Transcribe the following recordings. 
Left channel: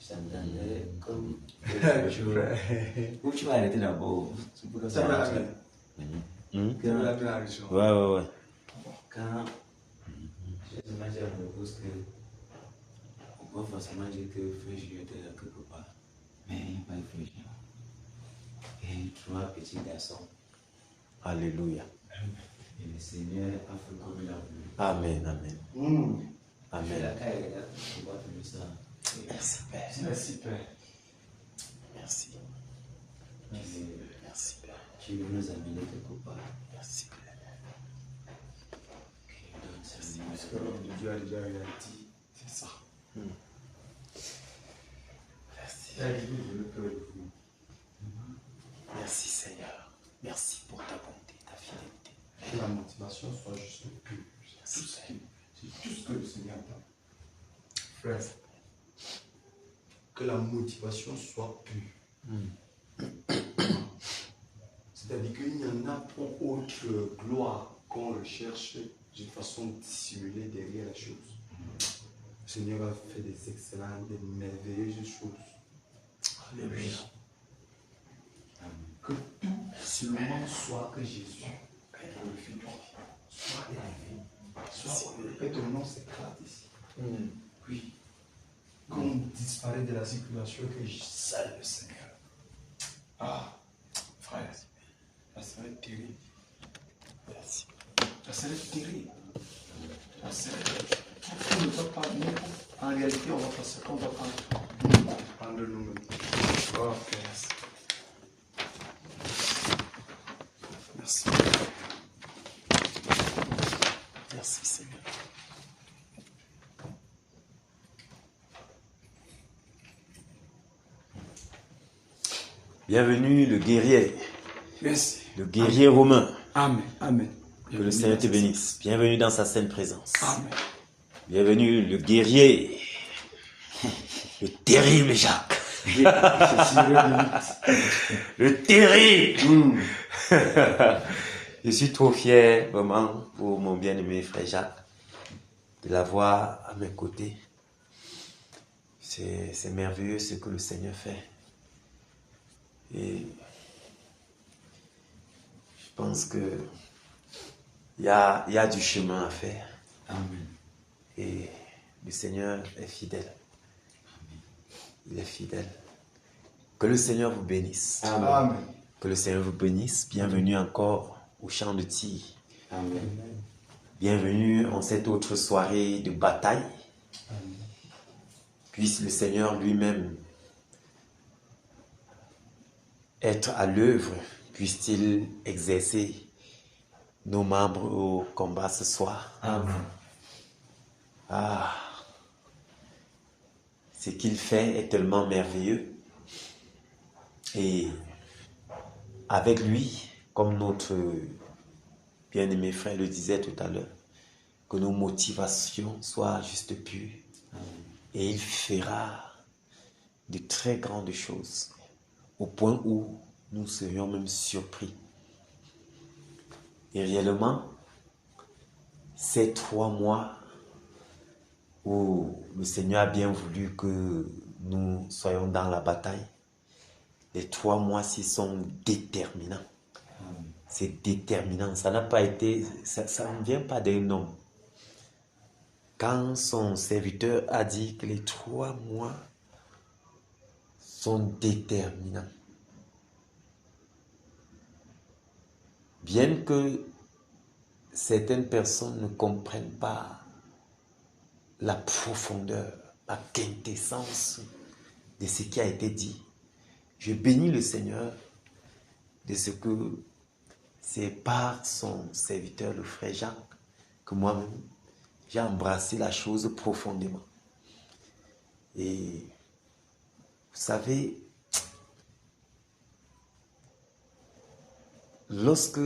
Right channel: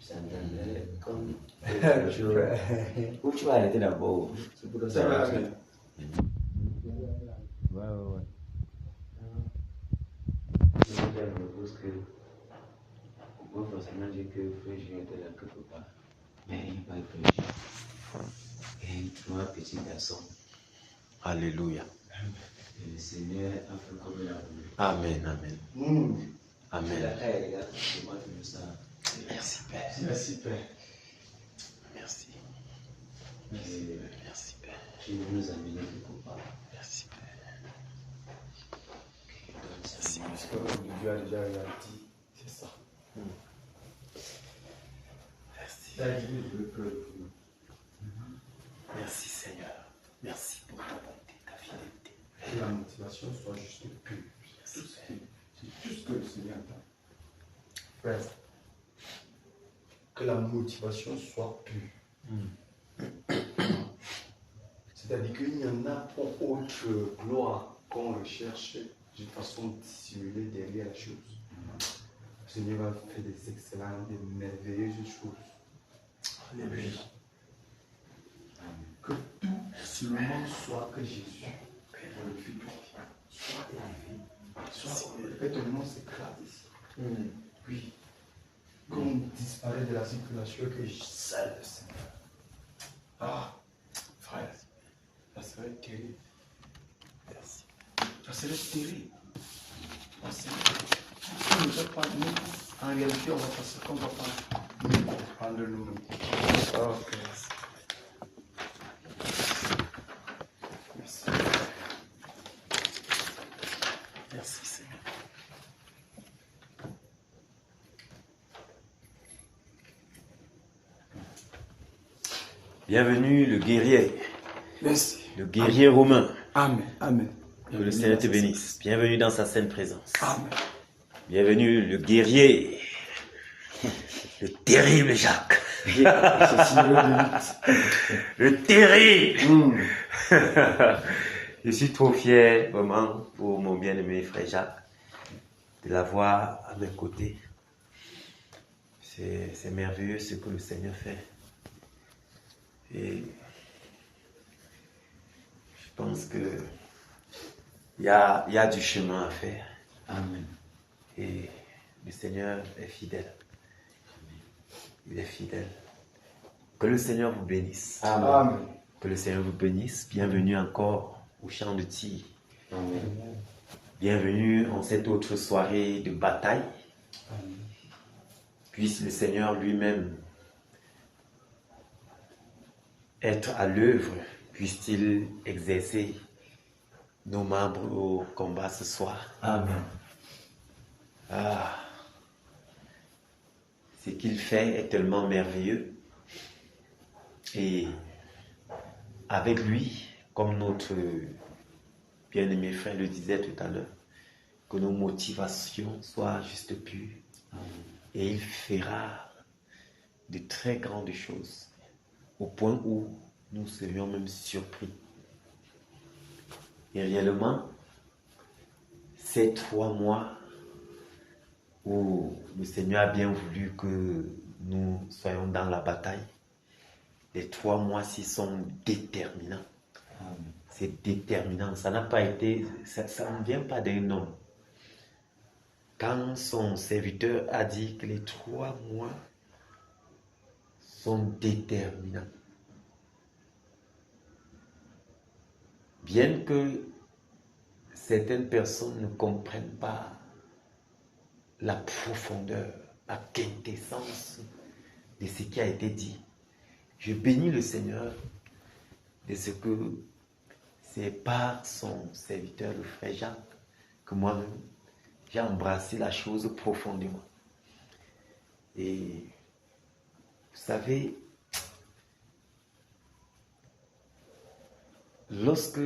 J'entendais comme... Où tu vas arrêter d'abord? C'est pour ça. Ouais. Quand je propose que on peut forcément dire que Frère Julien était là quelque part. Mais il n'y a pas de Frère Julien. Il y a eu 3 petits garçons. Alléluia. Et le Seigneur a fait comme il a voulu. Amen. Amen. Merci Père. Merci Père. Merci. Merci Père. Tu veux nous amener quelque part. Merci Père. Merci. Parce que Dieu a déjà réalisé. C'est ça. Merci. Il a dit, je veux que Merci Seigneur. Merci pour ta bonté, ta fidélité. la motivation soit juste pure. C'est tout ce que le Seigneur a. Frère, que la motivation soit pure. C'est-à-dire qu'il y en a pour autre gloire qu'on recherche d'une façon dissimulée derrière la chose. Le Seigneur va faire des excellentes, des merveilleuses choses. Alléluia. Que tout seulement soit que Jésus, le Fils, soit élevé. Que ton nom s'éclate ici. Oui. Qu'on disparaît de la circulation, que seul le Seigneur. Ah, frère, ça serait terrible. Merci. Ça serait terrible. Ça serait terrible. On ne va pas, nous, en réalité, on va passer qu'on va pas nous comprendre nous-mêmes. Oh, frère. Merci. Merci Seigneur. Bienvenue le guerrier. Merci. Le guerrier romain. Amen. Amen. Que le Seigneur te bénisse. Bienvenue dans sa sainte présence. Amen. Bienvenue le guerrier. Le terrible Jacques. Le terrible. Je suis trop fier, vraiment, pour mon bien-aimé frère Jacques, de l'avoir à mes côtés. C'est merveilleux ce que le Seigneur fait. Et je pense que il y a du chemin à faire. Amen. Et le Seigneur est fidèle. Il est fidèle. Que le Seigneur vous bénisse. Amen. Que le Seigneur vous bénisse. Bienvenue encore au champ de tir. Amen. Bienvenue en cette autre soirée de bataille. Puisse le Seigneur lui-même être à l'œuvre. Puisse-t-il exercer nos membres au combat ce soir. Amen. Ah, ce qu'il fait est tellement merveilleux. Et avec lui, comme notre bien-aimé frère le disait tout à l'heure, que nos motivations soient juste pures. Et il fera de très grandes choses, au point où nous serions même surpris. Et réellement, ces 3 mois où le Seigneur a bien voulu que nous soyons dans la bataille, les 3 mois-ci sont déterminants. C'est déterminant. Ça n'a pas été, ça ne vient pas d'un homme. Quand son serviteur a dit que les 3 mois sont déterminants, bien que certaines personnes ne comprennent pas la profondeur, la quintessence de ce qui a été dit, je bénis le Seigneur de ce que c'est par son serviteur, le frère Jacques, que moi-même, j'ai embrassé la chose profondément. Et vous savez, lorsque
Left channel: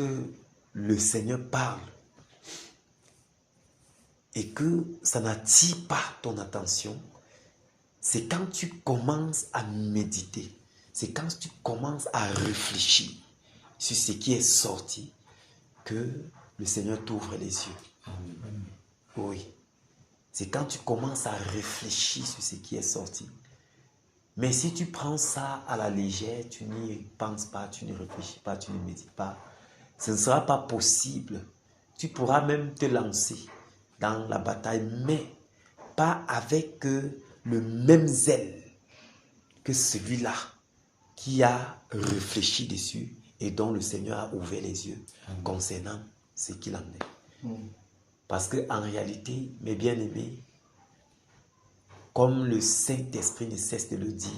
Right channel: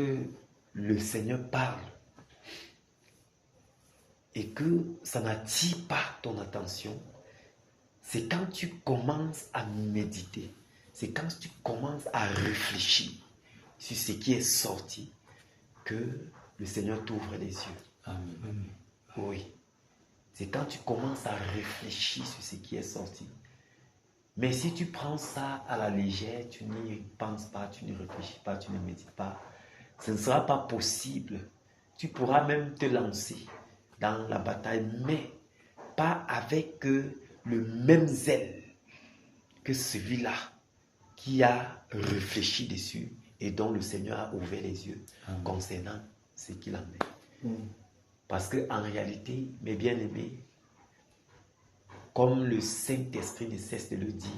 le Seigneur parle et que ça n'attire pas ton attention, c'est quand tu commences à méditer, c'est quand tu commences à réfléchir sur ce qui est sorti que le Seigneur t'ouvre les yeux. Amen. Oui. c'est quand tu commences à réfléchir sur ce qui est sorti. Mais si tu prends ça à la légère, tu n'y penses pas, tu ne réfléchis pas, tu ne médites pas, ce ne sera pas possible. Tu pourras même te lancer dans la bataille, mais pas avec le même zèle que celui-là qui a réfléchi dessus et dont le Seigneur a ouvert les yeux concernant ce qu'il en est. Parce qu'en réalité, mes bien-aimés, comme le Saint-Esprit ne cesse de le dire,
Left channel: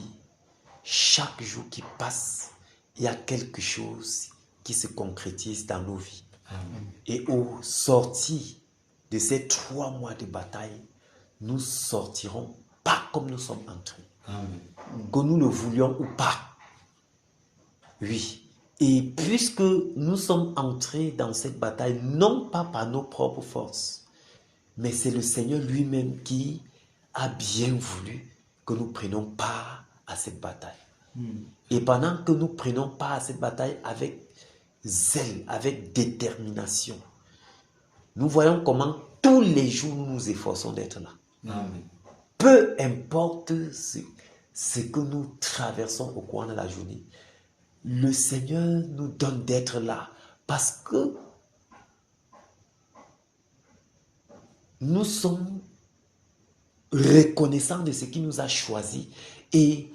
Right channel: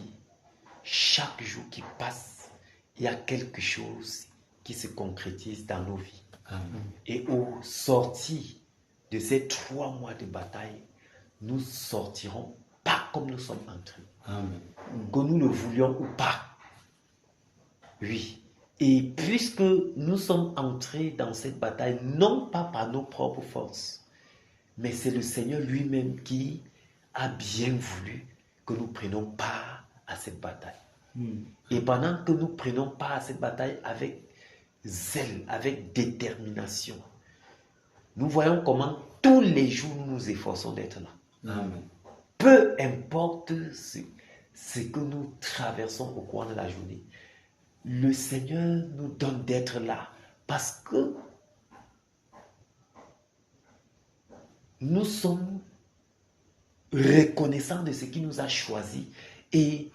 chaque jour qui passe, il y a quelque chose qui se concrétise dans nos vies. Amen. Et au sortir de ces 3 mois de bataille, nous sortirons pas comme nous sommes entrés. Amen. Que nous le voulions ou pas. Oui. Et puisque nous sommes entrés dans cette bataille, non pas par nos propres forces, mais c'est le Seigneur lui-même qui a bien voulu que nous prenions part à cette bataille. Et pendant que nous prenons part à cette bataille avec zèle, avec détermination, nous voyons comment tous les jours nous nous efforçons d'être là. Amen. Peu importe ce que nous traversons au cours de la journée, le Seigneur nous donne d'être là parce que nous sommes reconnaissants de ce qu'il nous a choisi. Et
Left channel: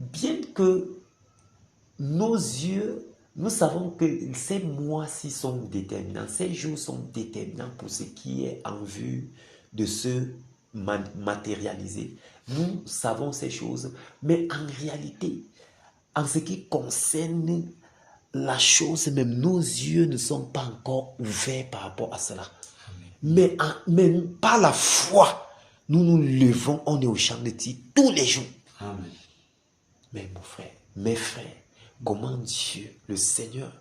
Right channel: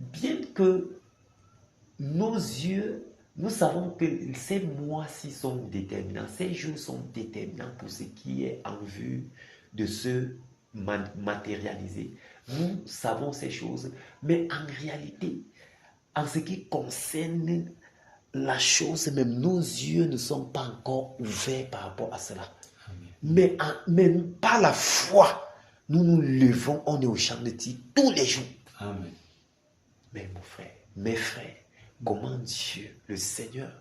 bien que nos yeux, nous savons que ces mois-ci sont déterminants, ces jours sont déterminants pour ce qui est en vue de se matérialiser. Nous savons ces choses, mais en réalité, en ce qui concerne la chose, même nos yeux ne sont pas encore ouverts par rapport à cela. Mais même par la foi, nous nous levons, on est au champ de tir tous les jours. Amen. Mais mon frère, mes frères, comment Dieu, le Seigneur,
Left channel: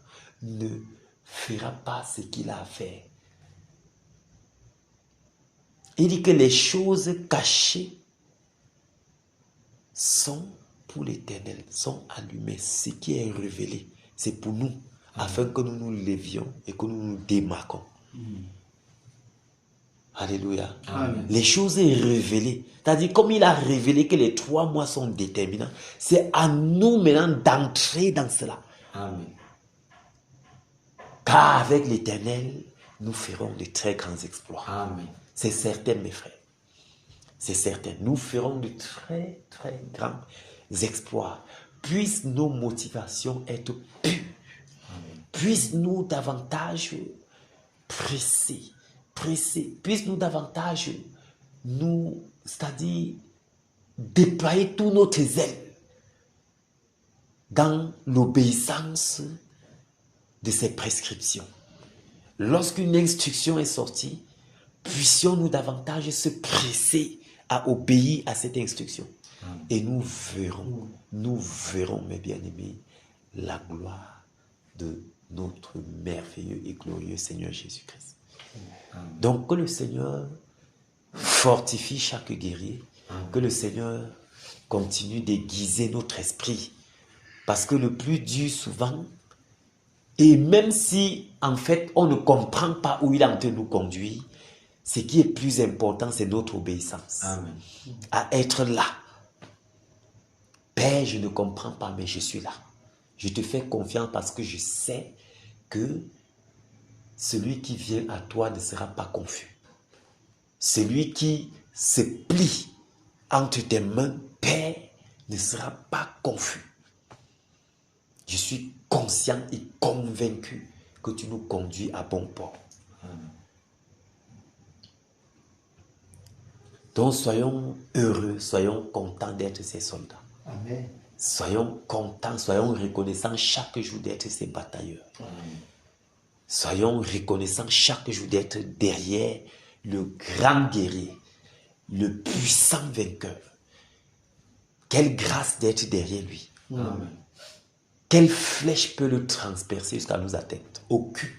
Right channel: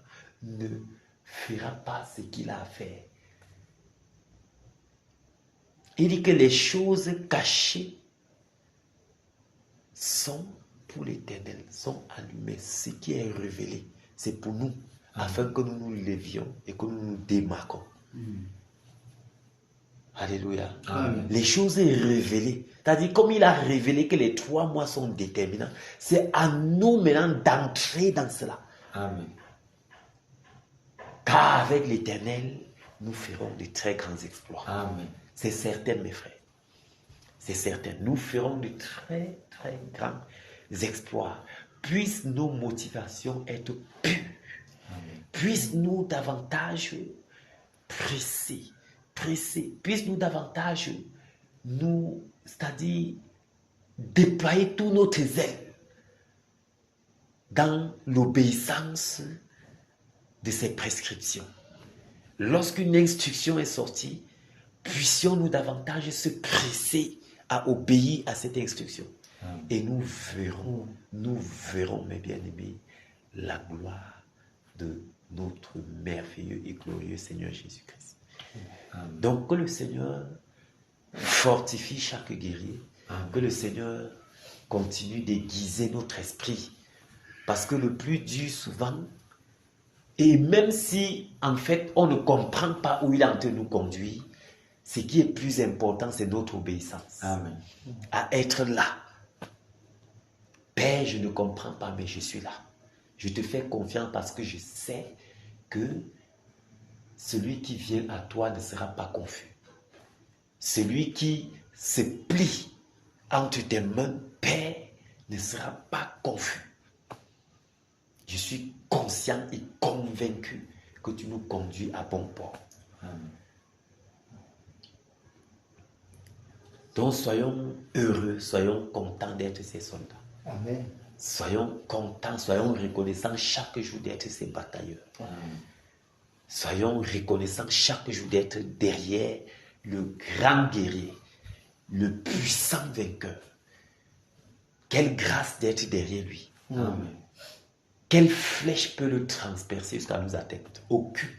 ne fera pas ce qu'il a à faire? Il dit que les choses cachées sont pour l'Éternel, sont allumées. Ce qui est révélé, c'est pour nous, afin que nous nous levions et que nous nous démarquons. Alléluia. Amen. Les choses sont révélées. C'est-à-dire, comme il a révélé que les 3 mois sont déterminants, c'est à nous maintenant d'entrer dans cela. Amen. Car avec l'Éternel, nous ferons de très grands exploits. Amen. C'est certain, mes frères. C'est certain. Nous ferons de très, très grands exploits. Puissent nos motivations être pures. Puissent-nous davantage presser. Puissent-nous davantage c'est-à-dire déployer tout notre zèle dans l'obéissance de ces prescriptions. Lorsqu'une instruction est sortie, puissions-nous davantage se presser à obéir à cette instruction. Et nous verrons, mes bien-aimés, la gloire de notre merveilleux et glorieux Seigneur Jésus-Christ. Donc que le Seigneur fortifie chaque guerrier, que le Seigneur continue d'aiguiser notre esprit. Parce que le plus dur souvent, et même si en fait on ne comprend pas où il est en train de nous conduire, ce qui est plus important, c'est notre obéissance. Amen. À être là. Père, je ne comprends pas, mais je suis là. Je te fais confiance parce que je sais que celui qui vient à toi ne sera pas confus. Celui qui se plie entre tes mains, Père, ne sera pas confus. Je suis conscient et convaincu que tu nous conduis à bon port. Amen. Donc soyons heureux, soyons contents d'être ces soldats. Amen. Soyons contents, soyons reconnaissants chaque jour d'être ces batailleurs. Amen. Soyons reconnaissants chaque jour d'être derrière le grand guerrier, le puissant vainqueur. Quelle grâce d'être derrière lui. Amen. Quelle flèche peut le transpercer jusqu'à nous atteindre? Aucune.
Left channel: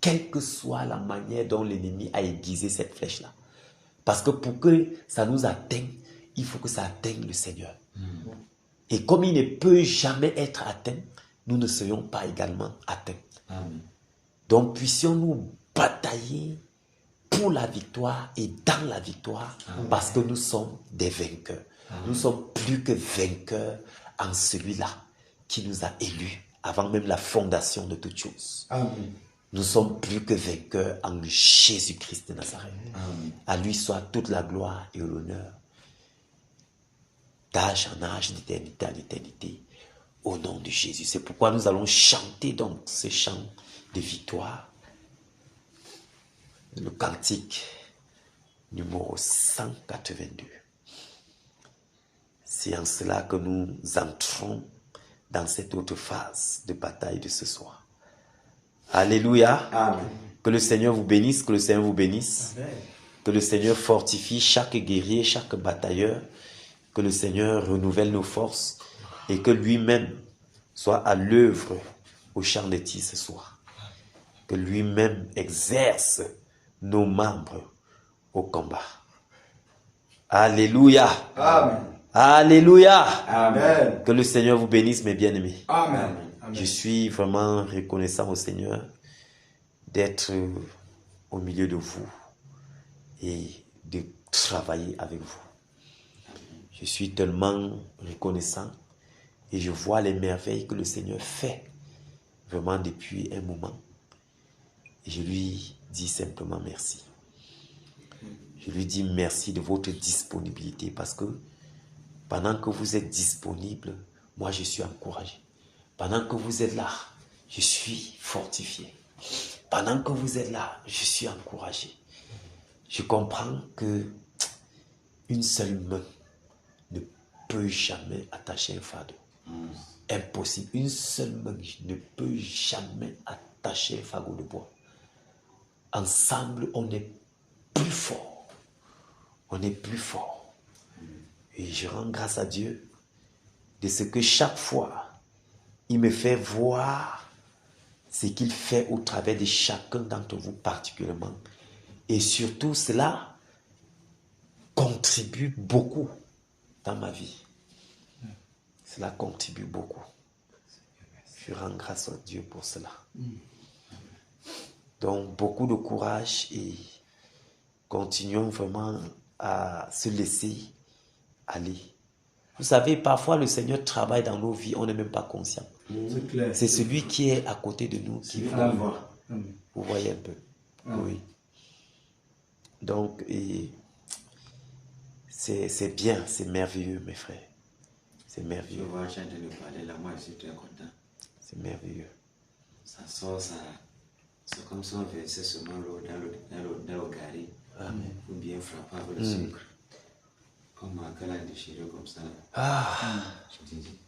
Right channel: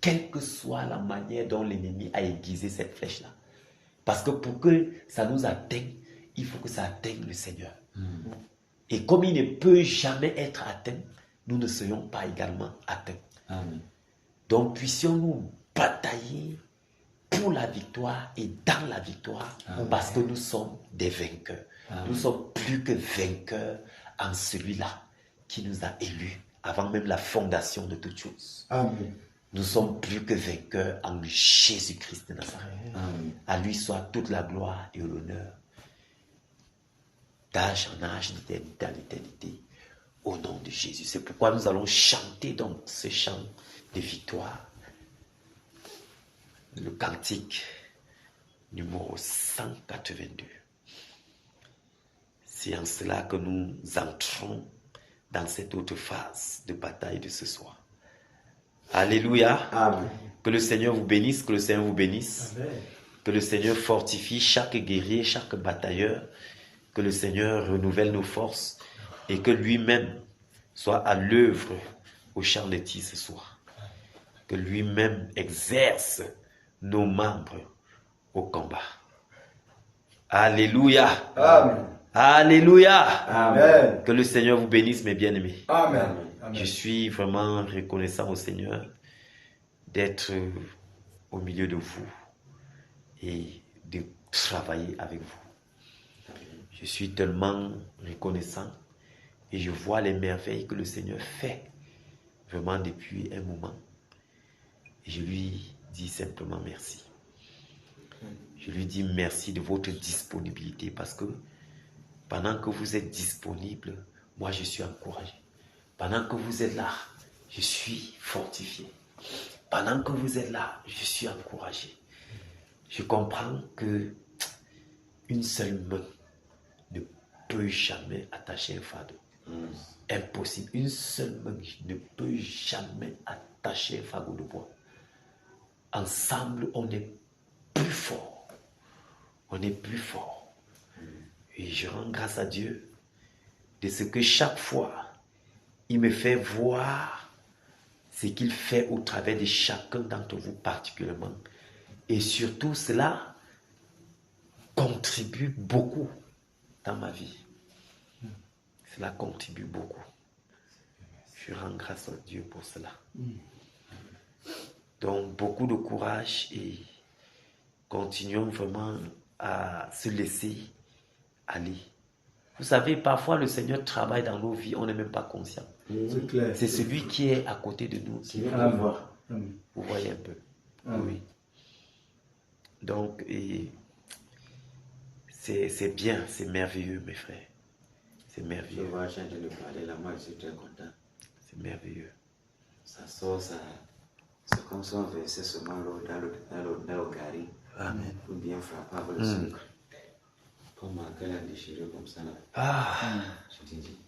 Quelle que soit la manière dont l'ennemi a aiguisé cette flèche-là. Parce que pour que ça nous atteigne, il faut que ça atteigne le Seigneur. Et comme il ne peut jamais être atteint, nous ne serions pas également atteints. Amen. Donc puissions-nous batailler pour la victoire et dans la victoire parce que nous sommes des vainqueurs. Nous sommes plus que vainqueurs en celui-là qui nous a élus avant même la fondation de toutes choses. Amen. Nous sommes plus que vainqueurs en Jésus-Christ de Nazareth. À lui soit toute la gloire et l'honneur, d'âge en âge, d'éternité en éternité, au nom de Jésus. C'est pourquoi nous allons chanter donc ce chant de victoire, le cantique numéro 182. C'est en cela que nous entrons dans cette autre phase de bataille de ce soir. Alléluia. Amen. Que le Seigneur vous bénisse, que le Seigneur vous bénisse. Amen. Que le Seigneur fortifie chaque guerrier, chaque batailleur. Que le Seigneur renouvelle nos forces et que lui-même soit à l'œuvre au champ de tir ce soir. Que lui-même exerce nos membres au combat. Alléluia. Amen. Alléluia. Amen. Que le Seigneur vous bénisse, mes bien-aimés. Amen. Amen. Je suis vraiment reconnaissant au Seigneur d'être au milieu de vous et de travailler avec vous. Je suis tellement reconnaissant et je vois les merveilles que le Seigneur fait vraiment depuis un moment. Et je lui dis simplement merci. Je lui dis merci de votre disponibilité parce que pendant que vous êtes disponible, moi je suis encouragé. Pendant que vous êtes là, je suis fortifié. Pendant que vous êtes là, je suis encouragé. Je comprends que une seule main ne peut jamais attacher un fardeau. Impossible. Une seule main ne peut jamais attacher un fagot de bois. Ensemble, on est plus fort. On est plus fort. Et je rends grâce à Dieu de ce que chaque fois, il me fait voir ce qu'il fait au travers de chacun d'entre vous particulièrement. Et surtout, cela contribue beaucoup dans ma vie. Cela contribue beaucoup. Je rends grâce à Dieu pour cela. Donc, beaucoup de courage et continuons vraiment à se laisser aller. Vous savez, parfois le Seigneur travaille dans nos vies, on n'est même pas conscient. C'est clair. C'est celui qui est à côté de nous qui fait. Amen. Amen. Vous voyez un peu. Oui. Donc, et c'est bien, c'est merveilleux, mes frères. C'est Je merveilleux. vois, je viens de parler là, moi je suis très content. C'est merveilleux. Ça sort, ça. C'est comme si on versait seulement l'eau dans le gari. Amen. Ou bien frapper avec le sucre. Comme marquer la déchirure comme ça. Là. Ah, Je te dis.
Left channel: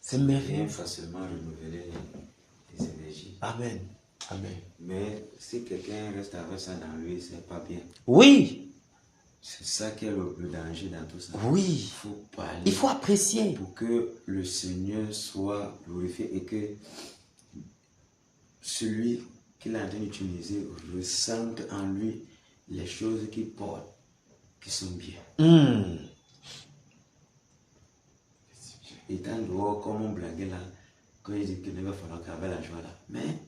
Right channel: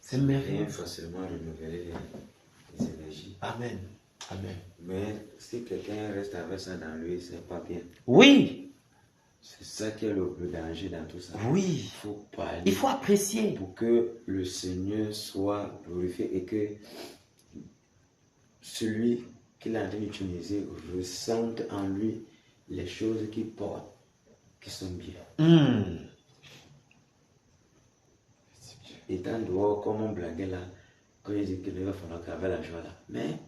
c'est Bien merveilleux. facilement renouveler les énergies. Amen. Amen. Mais si quelqu'un reste avec ça dans lui, c'est pas bien. Oui, C'est ça qui est le danger dans tout ça. oui. Il faut parler. Il faut apprécier. Pour que le Seigneur soit glorifié et que celui qu'il est en train d'utiliser ressente en lui les choses qu'il porte, qui sont bien. Étant dehors, comme on blaguait là, quand il dit qu'il ne va falloir qu'avec la joie là. Mais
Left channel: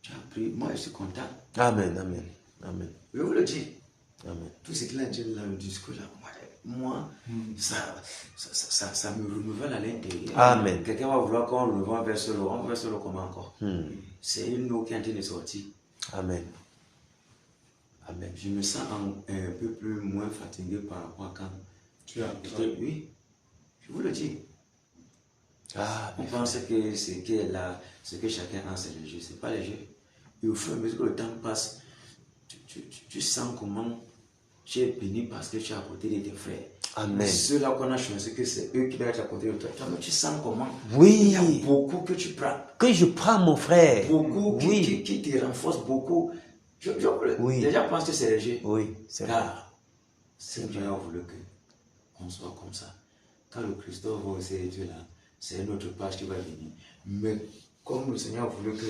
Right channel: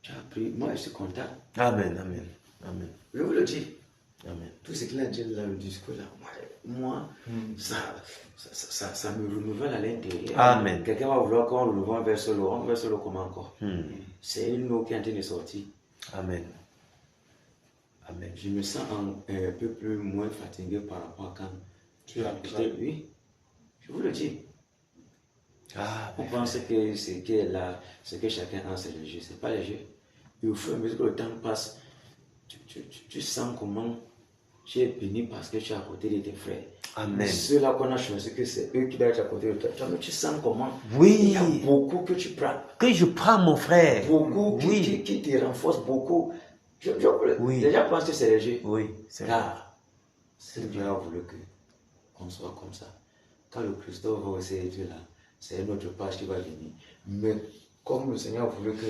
tu as appris, moi je suis content. Amen, amen, amen, Je vous le dis. amen. Tout ce qu'il a dit là, le discours là, moi, ça me renouvelle à l'intérieur. Amen. Quelqu'un va vouloir qu'on renouvelle vers ce l'eau. On verse l'eau comment encore? C'est une eau qui est en train de sortir. Amen. Amen. Je me sens un peu plus moins fatigué par rapport à quand Tu as oui, je vous le dis. Ah, On pense que ce qui est là, ce que chacun a, c'est léger. Ce n'est pas léger. Et au fur et à mesure que le temps passe, tu sens comment tu es béni parce que tu es à côté de tes frères. Amen. Ceux-là qu'on a choisi, que c'est eux qui doivent être à côté de toi. Tu sens comment Oui. il y a beaucoup que tu prends. Que je prends mon frère. Beaucoup Oui. qui te renforcent beaucoup. Oui. Déjà pense que c'est léger. Oui, c'est vrai. Car Dieu a voulu qu'on soit comme ça. Quand le Christophe va aussi être là, c'est une autre page qui va venir. Mais comme le Seigneur a voulu que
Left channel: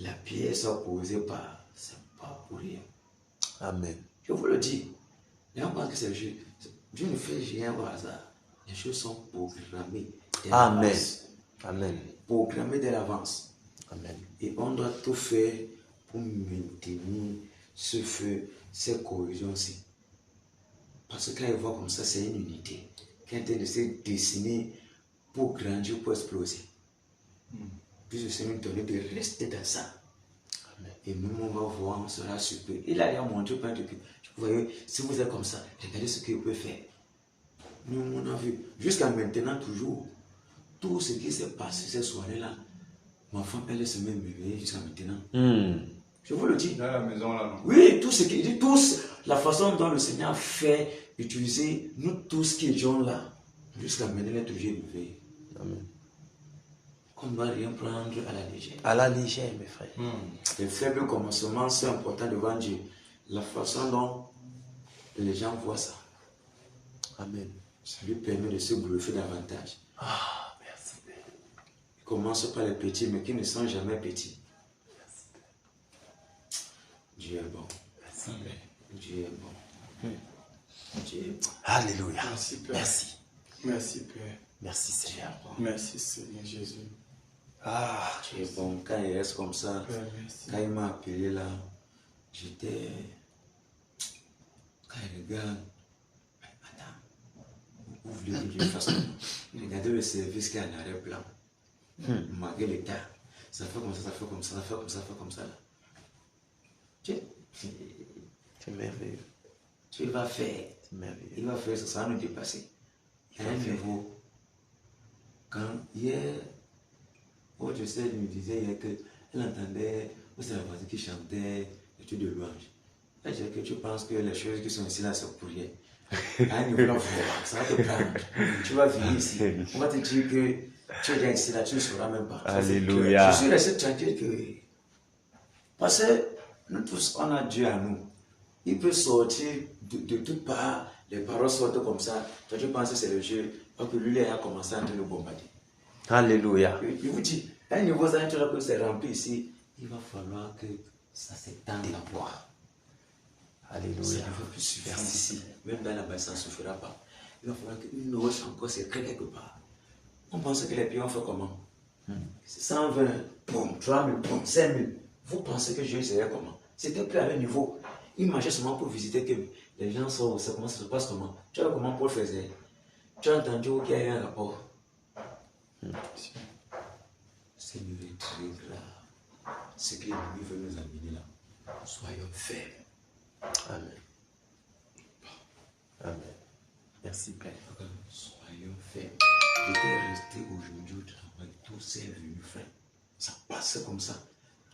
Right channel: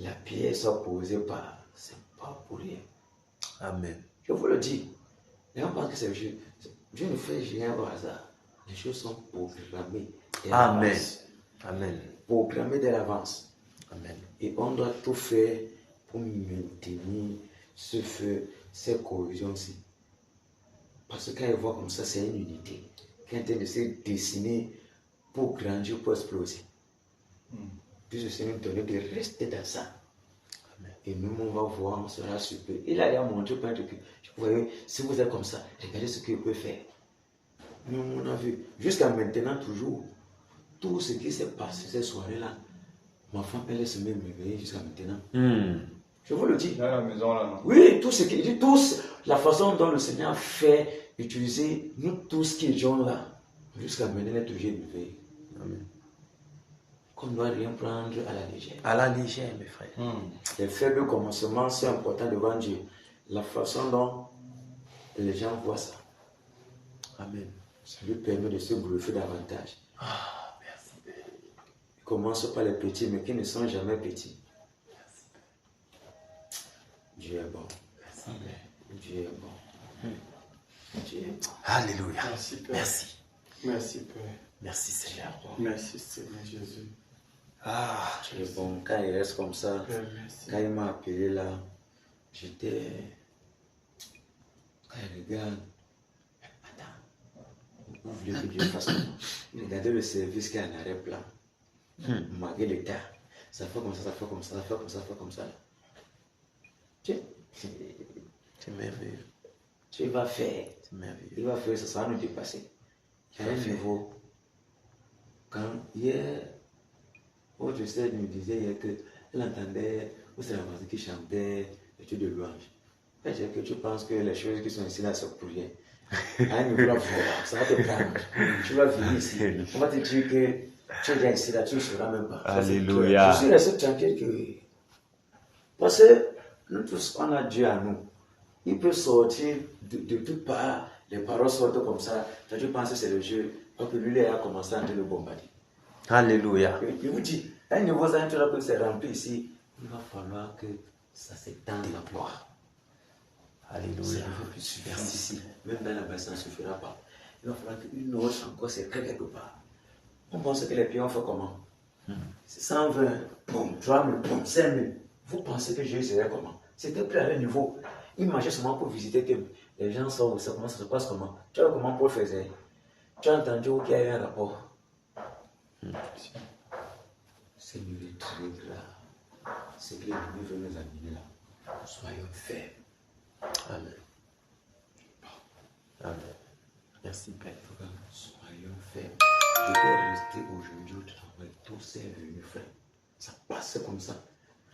la pierre soit posée par, c'est pas pour rien. Amen. Je vous le dis. Les gens pensent que c'est léger. Dieu ne fait rien au hasard. Les choses sont programmées. dès Amen. l'avance. Amen. Programmées dès l'avance. Amen. Et on doit tout faire pour maintenir ce feu, cette cohésion aussi. Parce que quand ils voient comme ça, c'est une unité qui est en train de se dessiner pour grandir, pour exploser. Puis le Seigneur nous donne de rester dans ça. Amen. Et même on va voir, on sera surpris. Il a montré plein de trucs. Vous voyez, si vous êtes comme ça, regardez ce qu'il peut faire. Nous, on a vu, jusqu'à maintenant, toujours, tout ce qui s'est passé cette soirée-là, ma femme, elle se met réveiller jusqu'à maintenant. Je vous le dis. Dans la maison, là. Oui, tout ce qui dit, tous, la façon dont le Seigneur fait utiliser nous tous qui étions là, jusqu'à maintenant, elle est toujours éveillée. Amen. Qu'on ne doit rien prendre à la légère. À la légère, mes frères. Les faibles commencements, c'est important devant Dieu. La façon dont les gens voient ça. Amen. Ça lui permet de se bouffer davantage. Ah, merci Père. Il commence par les petits, mais qui ne sont jamais petits. Merci Père. Dieu est bon. Merci Père. Dieu est bon. Dieu est bon. Alléluia. Merci Père. Merci. Merci Père. Merci Seigneur. Merci Seigneur Jésus. Ah, Dieu est bon. Quand il reste comme ça, Père, merci. quand il m'a appelé là, j'étais... Quand il regarde... Vous voulez que Dieu fasse comment? Regardez le service qui est en arrêt-plan. Malgré l'état. Ça fait comme ça, ça fait comme ça, ça fait comme ça, ça fait comme ça. c'est merveilleux. Tu vas faire. C'est merveilleux. Il va faire, ça va nous dépasser. Il y a un niveau. Quand hier, je sais, il me disait hier qu'elle entendait, ou c'est la voisine qui chantait les trucs de louange. Je dis que tu penses que les choses qui sont ici là, c'est pour rien. À un niveau là, ça va te prendre. Tu vas venir ici. On va te dire que tu es ici là, tu ne sauras même pas. Alléluia. Je suis resté tranquille que. Parce que nous tous, on a Dieu à nous. Il peut sortir de toutes parts, les paroles sortent comme ça. Toi, tu penses que c'est le jeu. Donc lui, il a commencé à le bombarder. Alléluia. Je vous dis, à un niveau ça, que c'est rempli ici, il va falloir que ça s'étende en toi. Alléluia. Ça ne veut plus suffire ici. Même dans la base, ça ne suffira pas. Il va falloir qu'une roche encore s'écrée quelque part. On pense que les pieds ont fait comment? 120, boum, 3000, boum, 5000. Vous pensez que Jésus serait comment? C'était plus à leur niveau. Il marchait seulement pour visiter que les gens sont où ça, comment ça se passe comment. Tu vois comment Paul faisait? Tu as entendu qu'il y a eu un rapport? C'est une très grave. Ce que l'ennemi veut nous amener là. Soyons fermes. Amen. Amen. Merci Père. Soyons fermes. Je vais rester aujourd'hui au travail. Tout c'est venu, frère. Ça passe comme ça.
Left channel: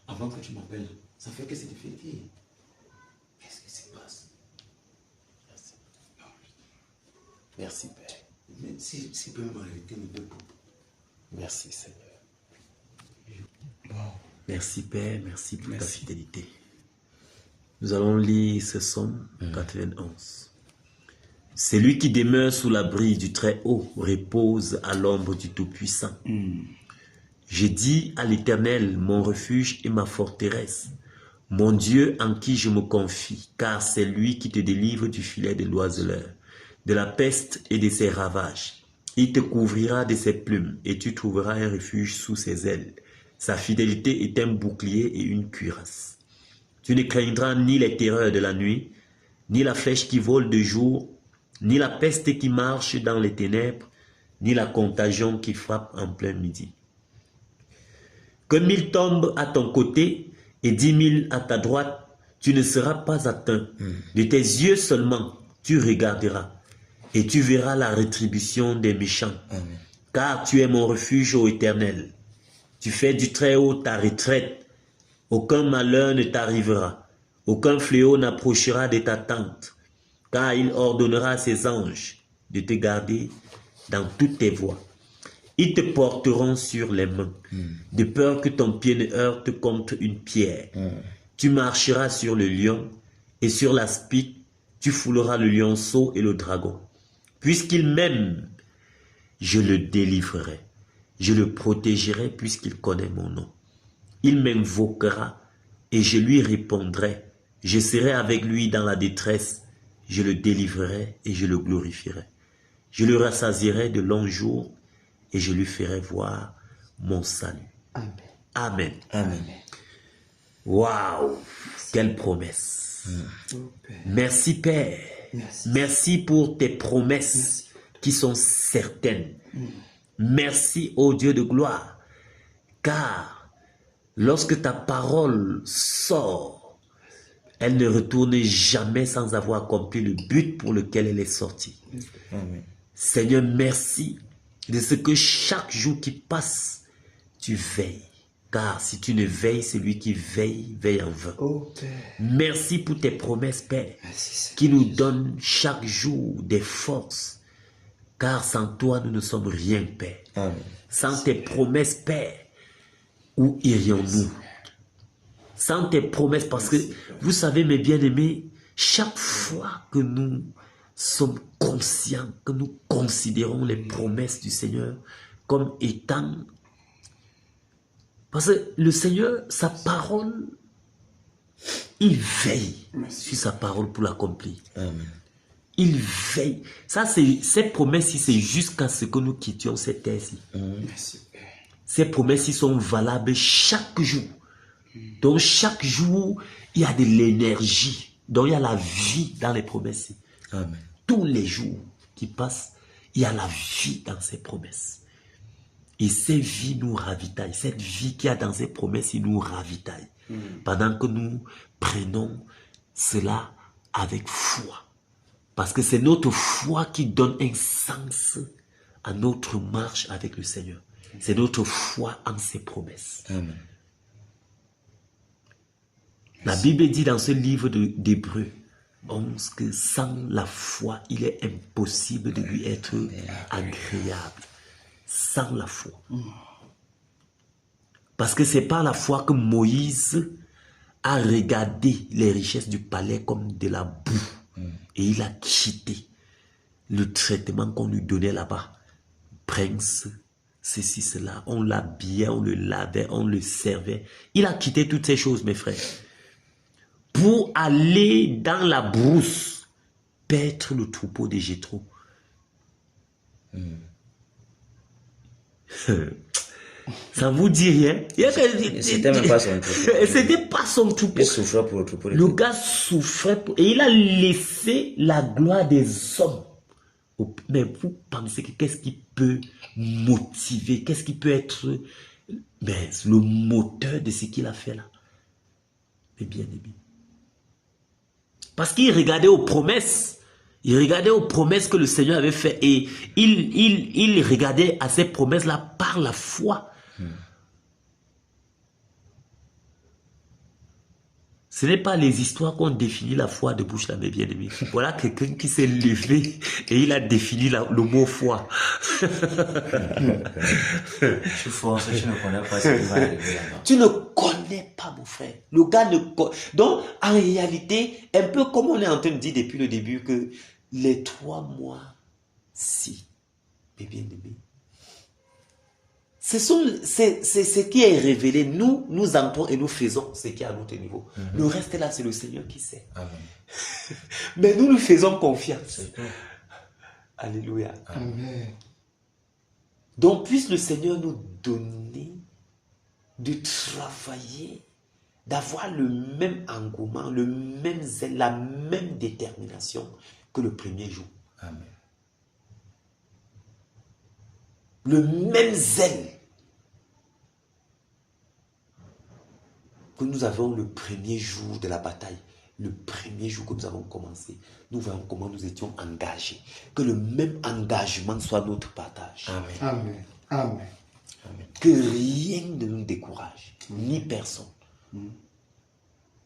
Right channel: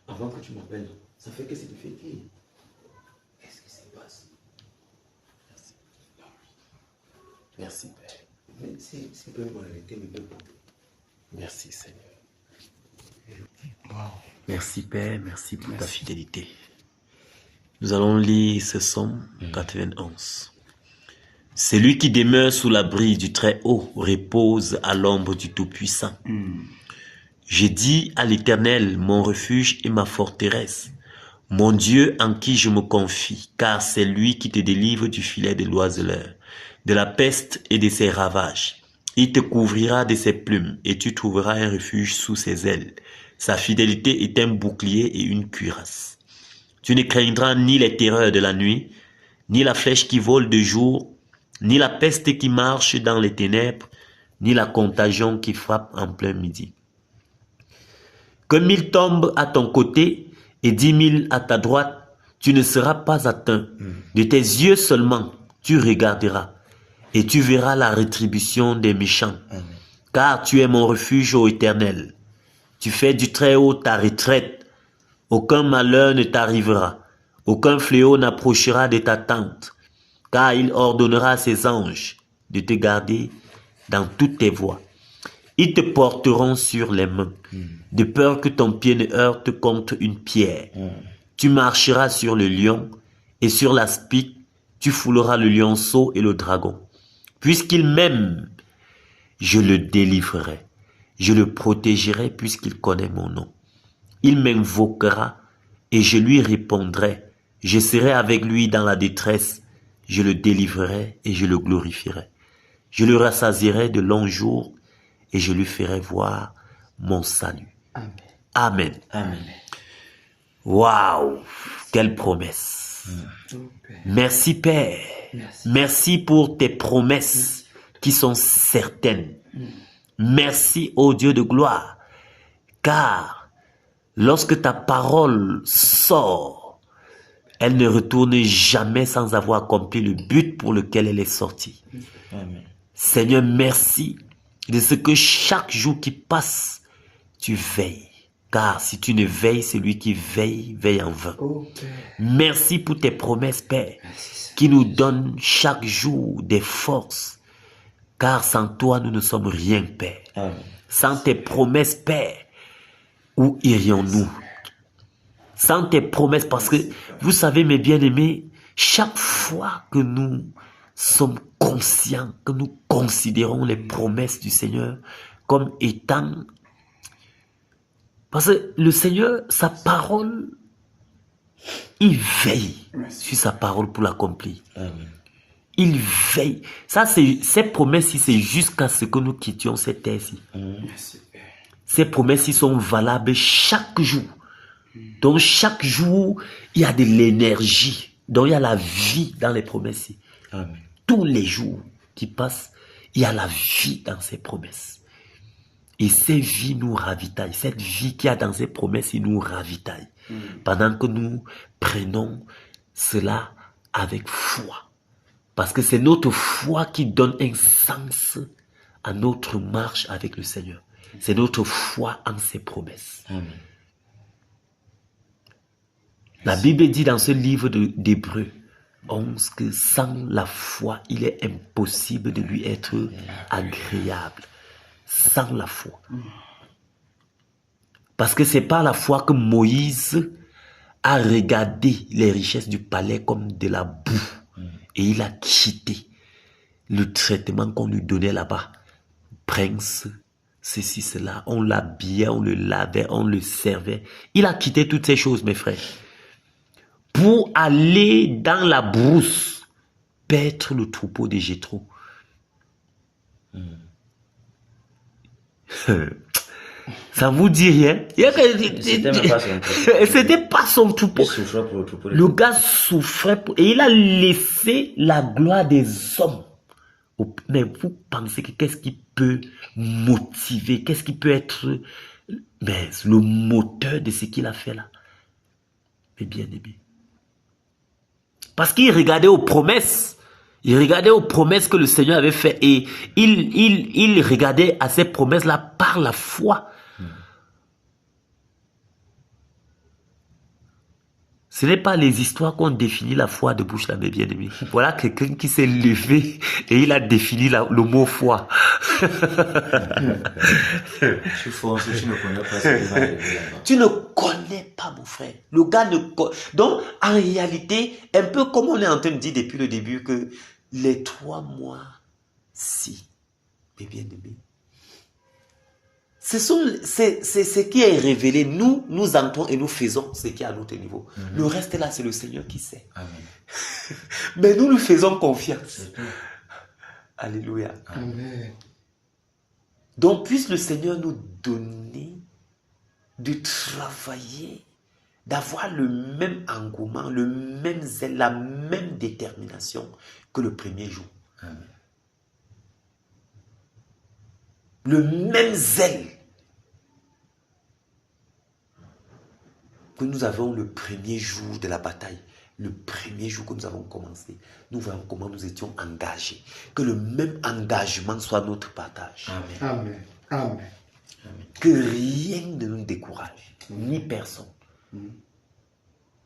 Avant que tu m'appelles, ça fait que c'est difficile. Qu'est-ce qui se passe? Merci. Merci Père. Mais si peut m'arrêter, mais pas. Merci Seigneur. Wow. Merci Père, merci pour ta fidélité. Nous allons lire ce psaume 91. Celui qui demeure sous l'abri du Très-Haut repose à l'ombre du Tout-Puissant. J'ai dit à l'Éternel, mon refuge et ma forteresse, mon Dieu en qui je me confie, car c'est lui qui te délivre du filet de l'oiseleur, de la peste et de ses ravages. Il te couvrira de ses plumes et tu trouveras un refuge sous ses ailes. Sa fidélité est un bouclier et une cuirasse. Tu ne craindras ni les terreurs de la nuit, ni la flèche qui vole de jour, ni la peste qui marche dans les ténèbres, ni la contagion qui frappe en plein midi. Que 1000 tombent à ton côté et 10 000 à ta droite, tu ne seras pas atteint. De tes yeux seulement, tu regarderas et tu verras la rétribution des méchants. Car tu es mon refuge, ô Éternel. Tu fais du Très-Haut ta retraite. Aucun malheur ne t'arrivera. Aucun fléau n'approchera de ta tente. Car il ordonnera à ses anges de te garder dans toutes tes voies. Ils te porteront sur les mains, de peur que ton pied ne heurte contre une pierre. Tu marcheras sur le lion et sur l'aspic, tu fouleras le lionceau et le dragon. Puisqu'il m'aime, je le délivrerai. Je le protégerai puisqu'il connaît mon nom. Il m'invoquera et je lui répondrai. Je serai avec lui dans la détresse. Je le délivrerai et je le glorifierai. Je le rassasierai de longs jours et je lui ferai voir mon salut. Amen. Amen. Amen. Waouh! Quelle promesse! Oh, Père. Merci Père. Merci. Merci pour tes promesses qui sont certaines. Merci ô Dieu de gloire. Car lorsque ta parole sort, elle ne retourne jamais sans avoir accompli le but pour lequel elle est sortie. Amen. Seigneur, merci de ce que chaque jour qui passe, tu veilles. Car si tu ne veilles, celui qui veille, veille en vain. Oh, Père. Merci pour tes promesses, Père, Merci, Seigneur. qui nous donnent chaque jour des forces. Car sans toi, nous ne sommes rien, Père. Amen. Sans tes promesses, Père, où irions-nous? Sans tes promesses, parce que vous savez, mes bien-aimés, chaque fois que nous sommes conscients, que nous considérons les promesses du Seigneur comme étant... Parce que le Seigneur, sa parole, il veille sur sa parole pour l'accomplir. Amen. Il veille. Ça, ces promesses-ci, c'est jusqu'à ce que nous quittions cette terre-ci. Merci, Père. Ces promesses-ci sont valables chaque jour. Donc, chaque jour, il y a de l'énergie. Donc, il y a la vie dans les promesses-ci. Amen. Tous les jours qui passent, il y a la vie dans ces promesses. Et ces vies nous ravitaillent. Cette vie qu'il y a dans ces promesses, il nous ravitaille. Pendant que nous prenons cela avec foi. Parce que c'est notre foi qui donne un sens à notre marche avec le Seigneur. C'est notre foi en ses promesses. Amen. La Bible dit dans ce livre d'Hébreux 11 que sans la foi, il est impossible de lui être agréable. Sans la foi. Parce que c'est par la foi que Moïse a regardé les richesses du palais comme de la boue. Et il a quitté le traitement qu'on lui donnait là-bas. Prince, ceci, cela. On l'habillait, on le lavait, on le servait. Il a quitté toutes ces choses, mes frères. Pour aller dans la brousse, paître le troupeau de Jéthro. Ça vous dit rien? C'était même pas son troupeau. C'était pas son troupeau. Il souffrait pour le troupeau. Le gars souffrait et il a laissé la gloire des hommes. Mais vous pensez que qu'est-ce qui peut motiver, qu'est-ce qui peut être le moteur de ce qu'il a fait là? Mais bien aimé. Parce qu'il regardait aux promesses. Il regardait aux promesses que le Seigneur avait faites et il regardait à ces promesses-là par la foi. Ce n'est pas les histoires qu'on définit la foi de bouche là, mes bien-aimés. Voilà quelqu'un qui s'est levé et il a défini le mot foi. Tu fonces, tu ne connais pas ce qui va arriver là-bas. Tu ne connais pas, mon frère. Le gars ne connaît. Donc, en réalité, un peu comme on est en train de dire depuis le début que les 3 mois, si, mes bien-aimés, c'est ce qui est révélé. Nous entrons et nous faisons ce qui est à notre niveau. Le reste là, c'est le Seigneur qui sait. Amen. Mais nous lui faisons confiance. C'est tout. Alléluia. Amen. Donc, puisse le Seigneur nous donner de travailler, d'avoir le même engouement, le même zèle, la même détermination que le premier jour. Amen. Le même zèle que nous avons le premier jour de la bataille. Le premier jour que nous avons commencé, nous voyons comment nous étions engagés. Que le même engagement soit notre partage. Amen. Amen. Amen. Que rien ne nous décourage, ni personne.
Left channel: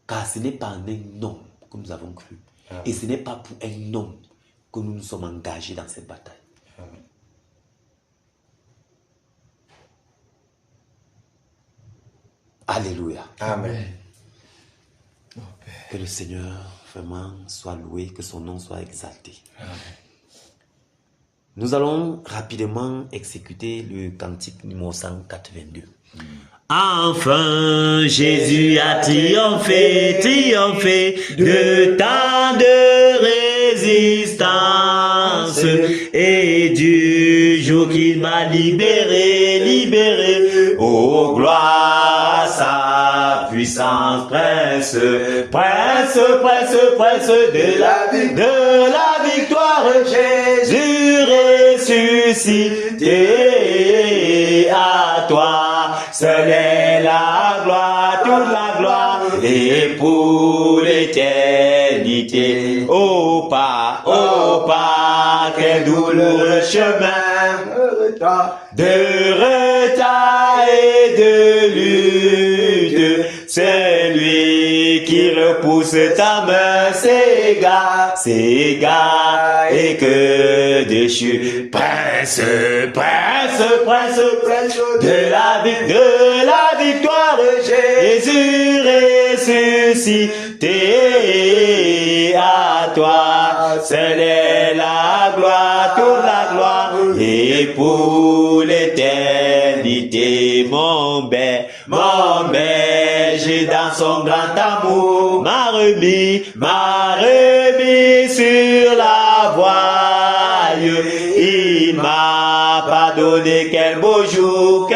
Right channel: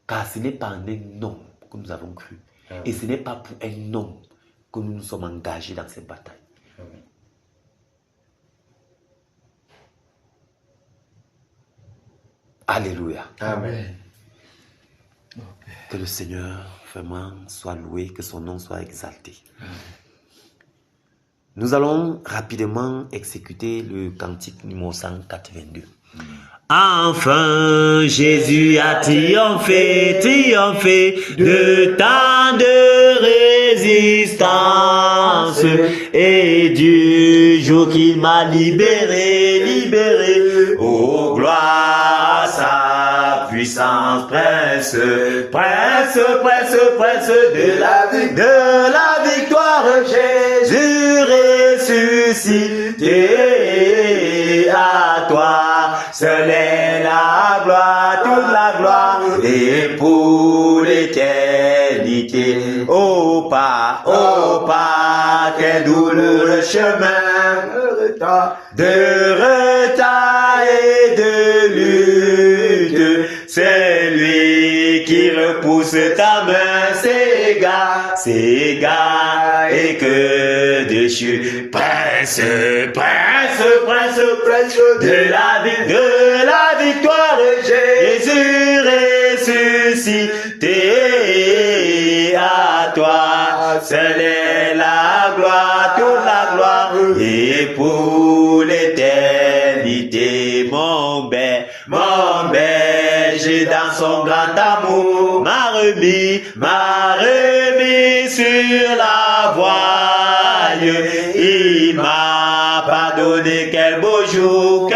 Car ce n'est pas en un homme que nous avons cru. Et ce n'est pas pour un homme que nous nous sommes engagés dans cette bataille. Amen. Alléluia. Amen. Que le Seigneur vraiment soit loué, que son nom soit exalté. Nous allons rapidement exécuter le cantique numéro 182. Enfin, Jésus a triomphé, triomphé de tant de résistance et du jour qu'il m'a libéré, libéré, oh gloire, sa puissance. puissance, prince, prince, prince, prince de la victoire, Jésus ressuscité. À toi seul est la gloire, toute la gloire, et pour l'éternité. Oh pas, quel douloureux chemin de retard et de lutte. Celui qui repousse ta main s'égare, et que déchu. Prince, prince, prince, prince de la victoire, Jésus ressuscité. À toi seul est la gloire, toute la gloire, et pour l'éternité. Mon berger dans son grand amour m'a remis sur la voile. Il m'a pardonné, quel beau jour,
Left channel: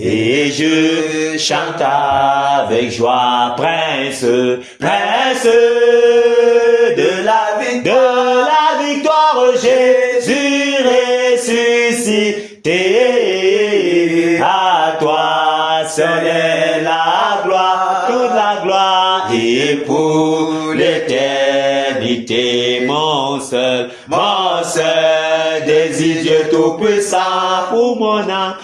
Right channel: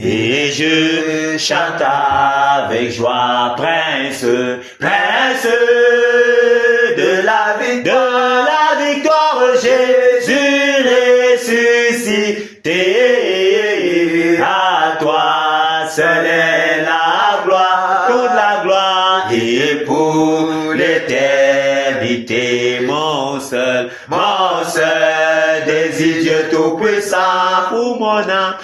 et je chante avec joie. Prince, prince de la victoire, Jésus ressuscité. À toi seul est la gloire, toute la gloire, et pour l'éternité. Mon seul désir, Dieu tout-puissant, pour mon âme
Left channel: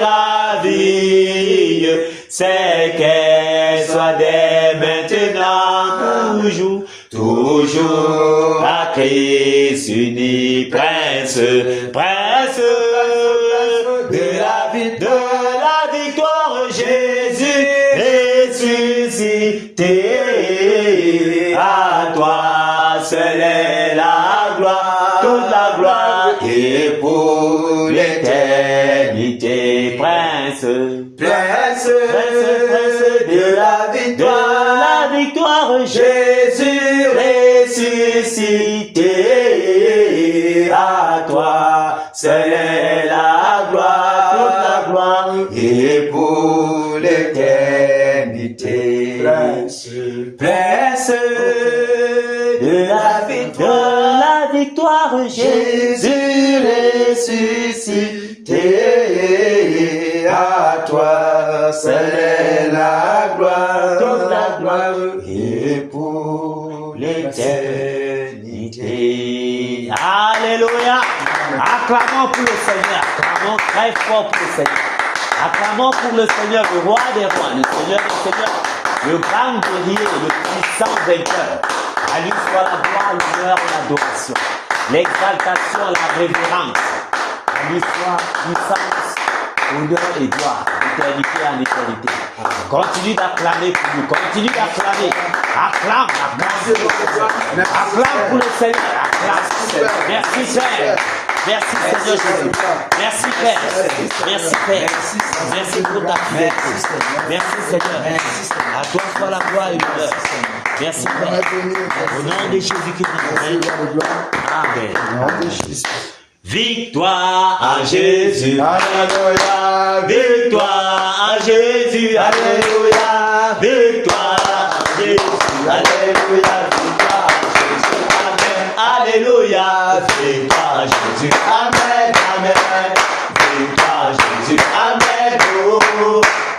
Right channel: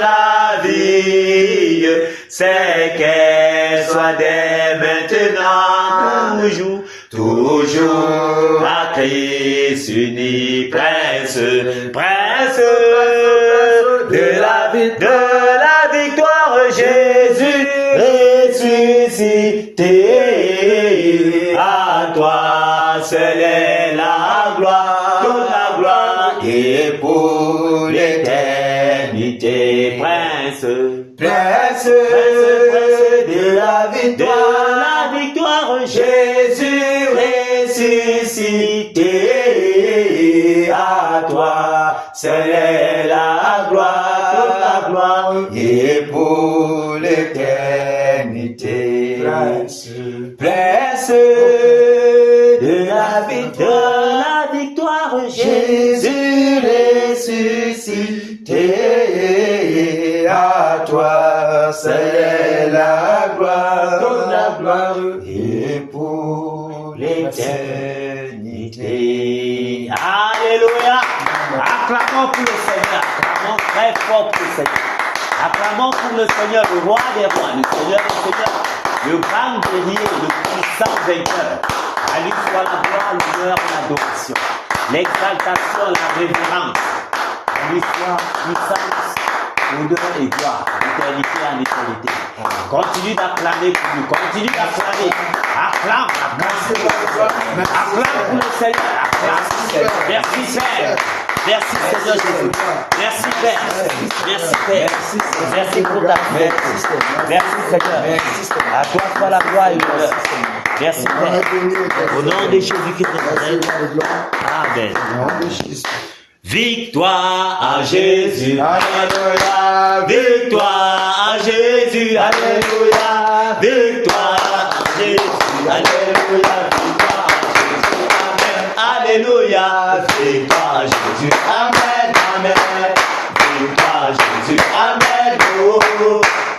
ravie, c'est qu'elle soit dès maintenant, toujours à Christ uni. Prince, prince de la victoire, Jésus ressuscité. À toi seul est la gloire, toute la gloire, et pour l'éternité. Prince, prince de la victoire, Jésus ressuscité. À toi seul est la gloire, toute la gloire, et pour l'éternité. Prince de la victoire, Jésus ressuscité. À toi seul est la gloire, toute la gloire, et pour l'éternité. Alléluia. Acclamons pour le Seigneur, acclamons très fort pour le Seigneur. Acclamons pour le Seigneur, le roi des rois, le Seigneur des seigneurs, le grand guerrier, le puissant vainqueur. À lui soit la gloire, l'honneur, l'adoration, l'exaltation, la révérence. À lui soit puissance, honneur et gloire, d'éternité en éternité. Continue d'acclamer pour nous, continue d'acclamer. Acclame pour le Seigneur, acclame. Merci Père. Merci Seigneur Jésus. Merci Père. Merci Père. Merci pour ta fidélité. Merci Seigneur. À toi soit la gloire et l'honneur. Merci Père. Au nom de Jésus qui nous règne. Amen. Victoire à Jésus. Alléluia. Victoire à Jésus. Alléluia. Victoire à Jésus. Alléluia. Victoire à Jésus. Amen. Alléluia. Victoire à Jésus. Amen. Amen. Victoire à Jésus. Amen. Oh.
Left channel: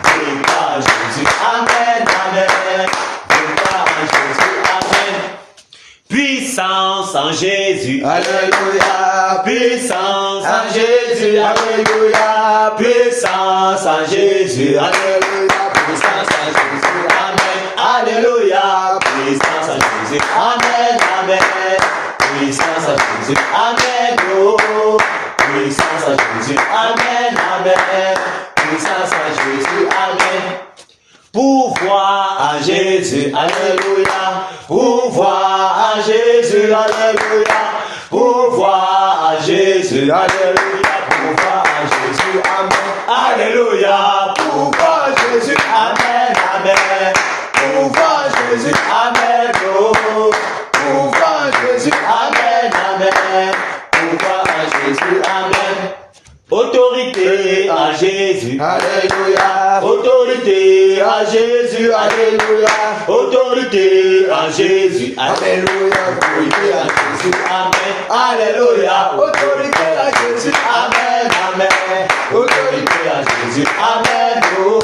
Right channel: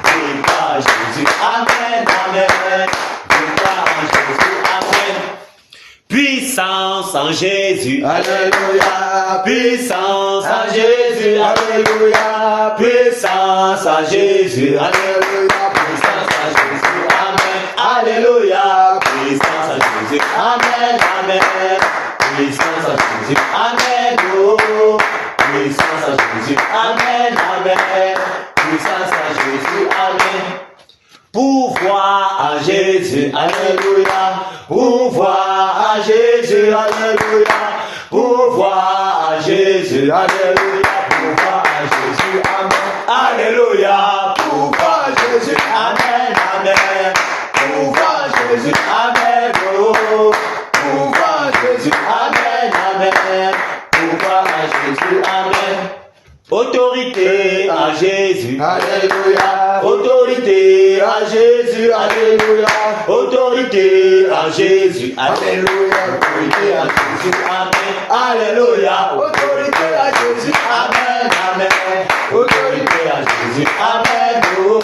Victoire à Jésus. Amen. Amen. Victoire à Jésus. Amen. Puissance en Jésus. Alléluia. Puissance en Jésus. Alléluia. Puissance en Jésus. Alléluia. Puissance en Jésus. Amen. Alléluia. Puissance en Jésus. Amen. Amen. Puissance en Jésus. Amen. Oh. Puissance en Jésus. Amen. Amen. Puissance en Jésus. Amen. Pouvoir en Jésus. Alléluia. Pouvoir en Jésus. Alléluia. Pouvoir à Jésus, alléluia, pouvoir à Jésus, amen, alléluia, pouvoir à Jésus, amen, amen, pouvoir à Jésus, amen, oh, pouvoir à Jésus, amen, amen, pouvoir à Jésus, amen, autorité à Jésus, alléluia, autorité à Jésus, alléluia, autorité à Jésus, alléluia, autorité à Jésus, amen, alléluia, autorité à Jésus, amen, amen, autorité à Jésus, amen, oh,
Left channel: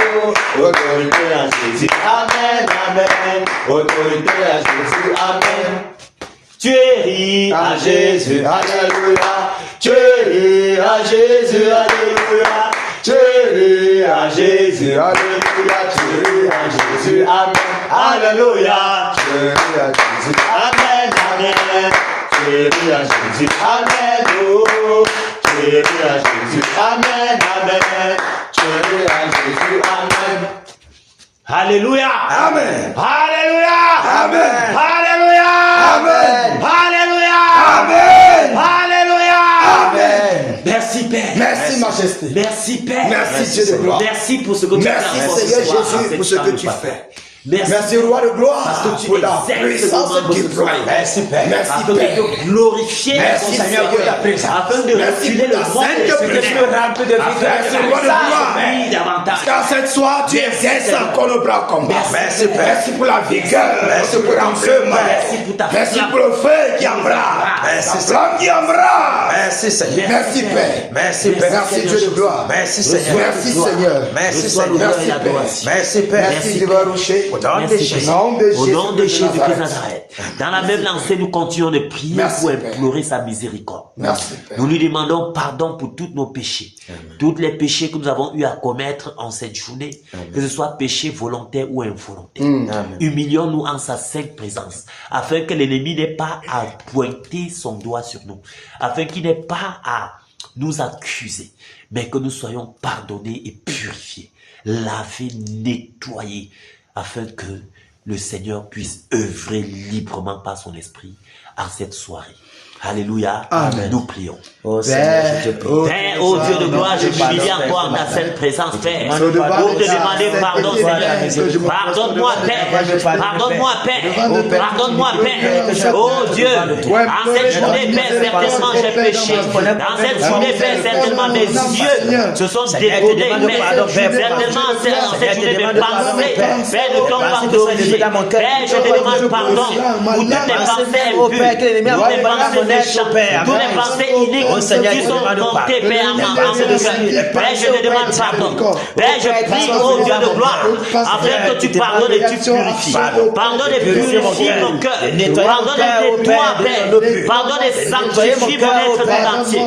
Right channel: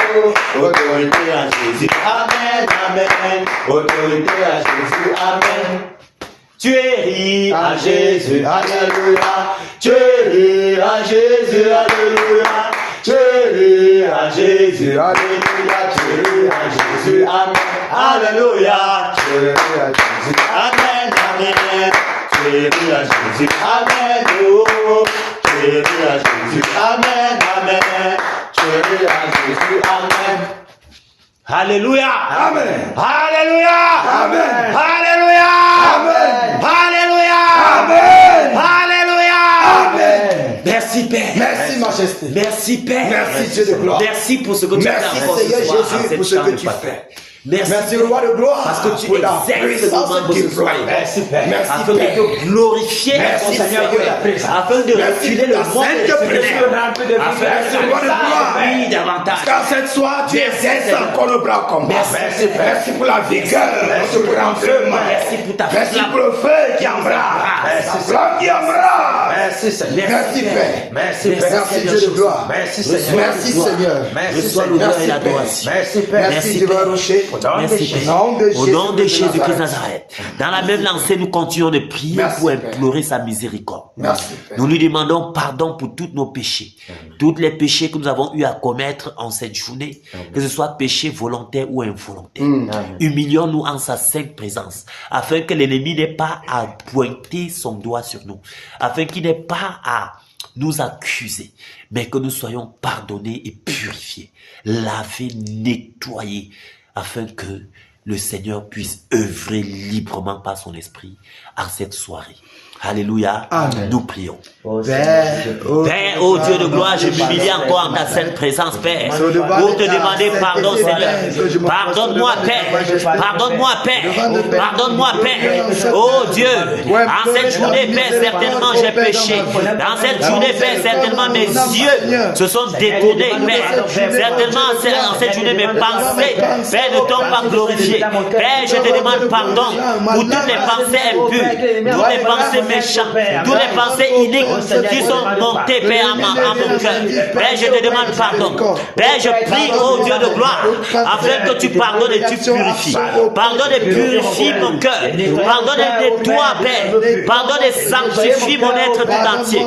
autorité à Jésus, amen, amen, autorité à Jésus, amen. Tu es ri à Jésus, alléluia. Tu es ri à Jésus, alléluia. Tu es ri à Jésus, alléluia. Tu es ri à Jésus, amen, alléluia. Tu es ri à Jésus, amen, amen. Tu es ri à Jésus, amen, oh. Tu es ri à Jésus, amen, amen. Tu es ri à Jésus, amen. Alléluia. Amen. Alléluia. Amen. Alléluia. Amen. Alléluia. Amen. Alléluia. Amen. Merci Père. Merci Majesté. Merci Père. Merci Dieu de gloire. Merci pour ce que tu fais. Merci Seigneur Jésus pour ce que tu fais. Merci Roi de gloire pour la puissance déployée. Merci Père. Merci Afin Père. de glorifier Merci ton Seigneur. Seigneur. Afin de Merci pour ta sainte présence. Merci Roi de gloire. Parce qu'à cette soir, tu exerces encore le bras au combat. Merci pour la vigueur, pour le remplement. Merci pour le feu qui embrase. La flamme qui embrase. Merci Seigneur. Merci Père. Merci Père. Merci Dieu de gloire. Merci Seigneur. Merci Seigneur. Merci Seigneur. Merci Père. Merci Père. Merci Divin Rocher. Au nom de Jésus. Au nom de Jésus-Christ de Nazareth. Dans la même lancée, nous continuons de prier Merci, pour Père. implorer sa miséricorde. Merci Père. Nous lui demandons pardon pour tous nos péchés. Tous les péchés que nous avons eu à commettre en cette journée, que ce soit péché volontaire ou involontaire. Humilions-nous en sa sainte présence, afin que l'ennemi n'ait pas à pointer son doigt sur nous, afin qu'il n'ait pas à nous accuser, mais que nous soyons pardonnés et purifiés, lavés, nettoyés, afin que le Seigneur puisse œuvrer librement par son esprit en cette soirée. Alléluia. Amen. Nous prions. Père, Père, oh Dieu de gloire, je m'humilie encore en ta sainte présence, Père. Pour te demander pardon, Seigneur. Pardonne-moi, Père. Pardonne-moi, Père. Pardonne-moi, Père. Oh Dieu, dans cette journée, Père, certainement j'ai péché. Dans cette journée, Père, certainement mes yeux se sont détournés, Père. Certainement, en cette journée, mes pensées, Père, ne t'ont pas glorifié. Père, je te demande pardon pour toutes les pensées impures, toutes les pensées méchantes, toutes les pensées iniques qui sont montées, Père, en mon cœur. Père, je te demande pardon. Père, je prie, oh Dieu de gloire, afin que tu pardonnes et tu purifies. Pardonne et purifie mon cœur. Pardonne et nettoie, Père. Pardonne et sanctifie mon être tout entier.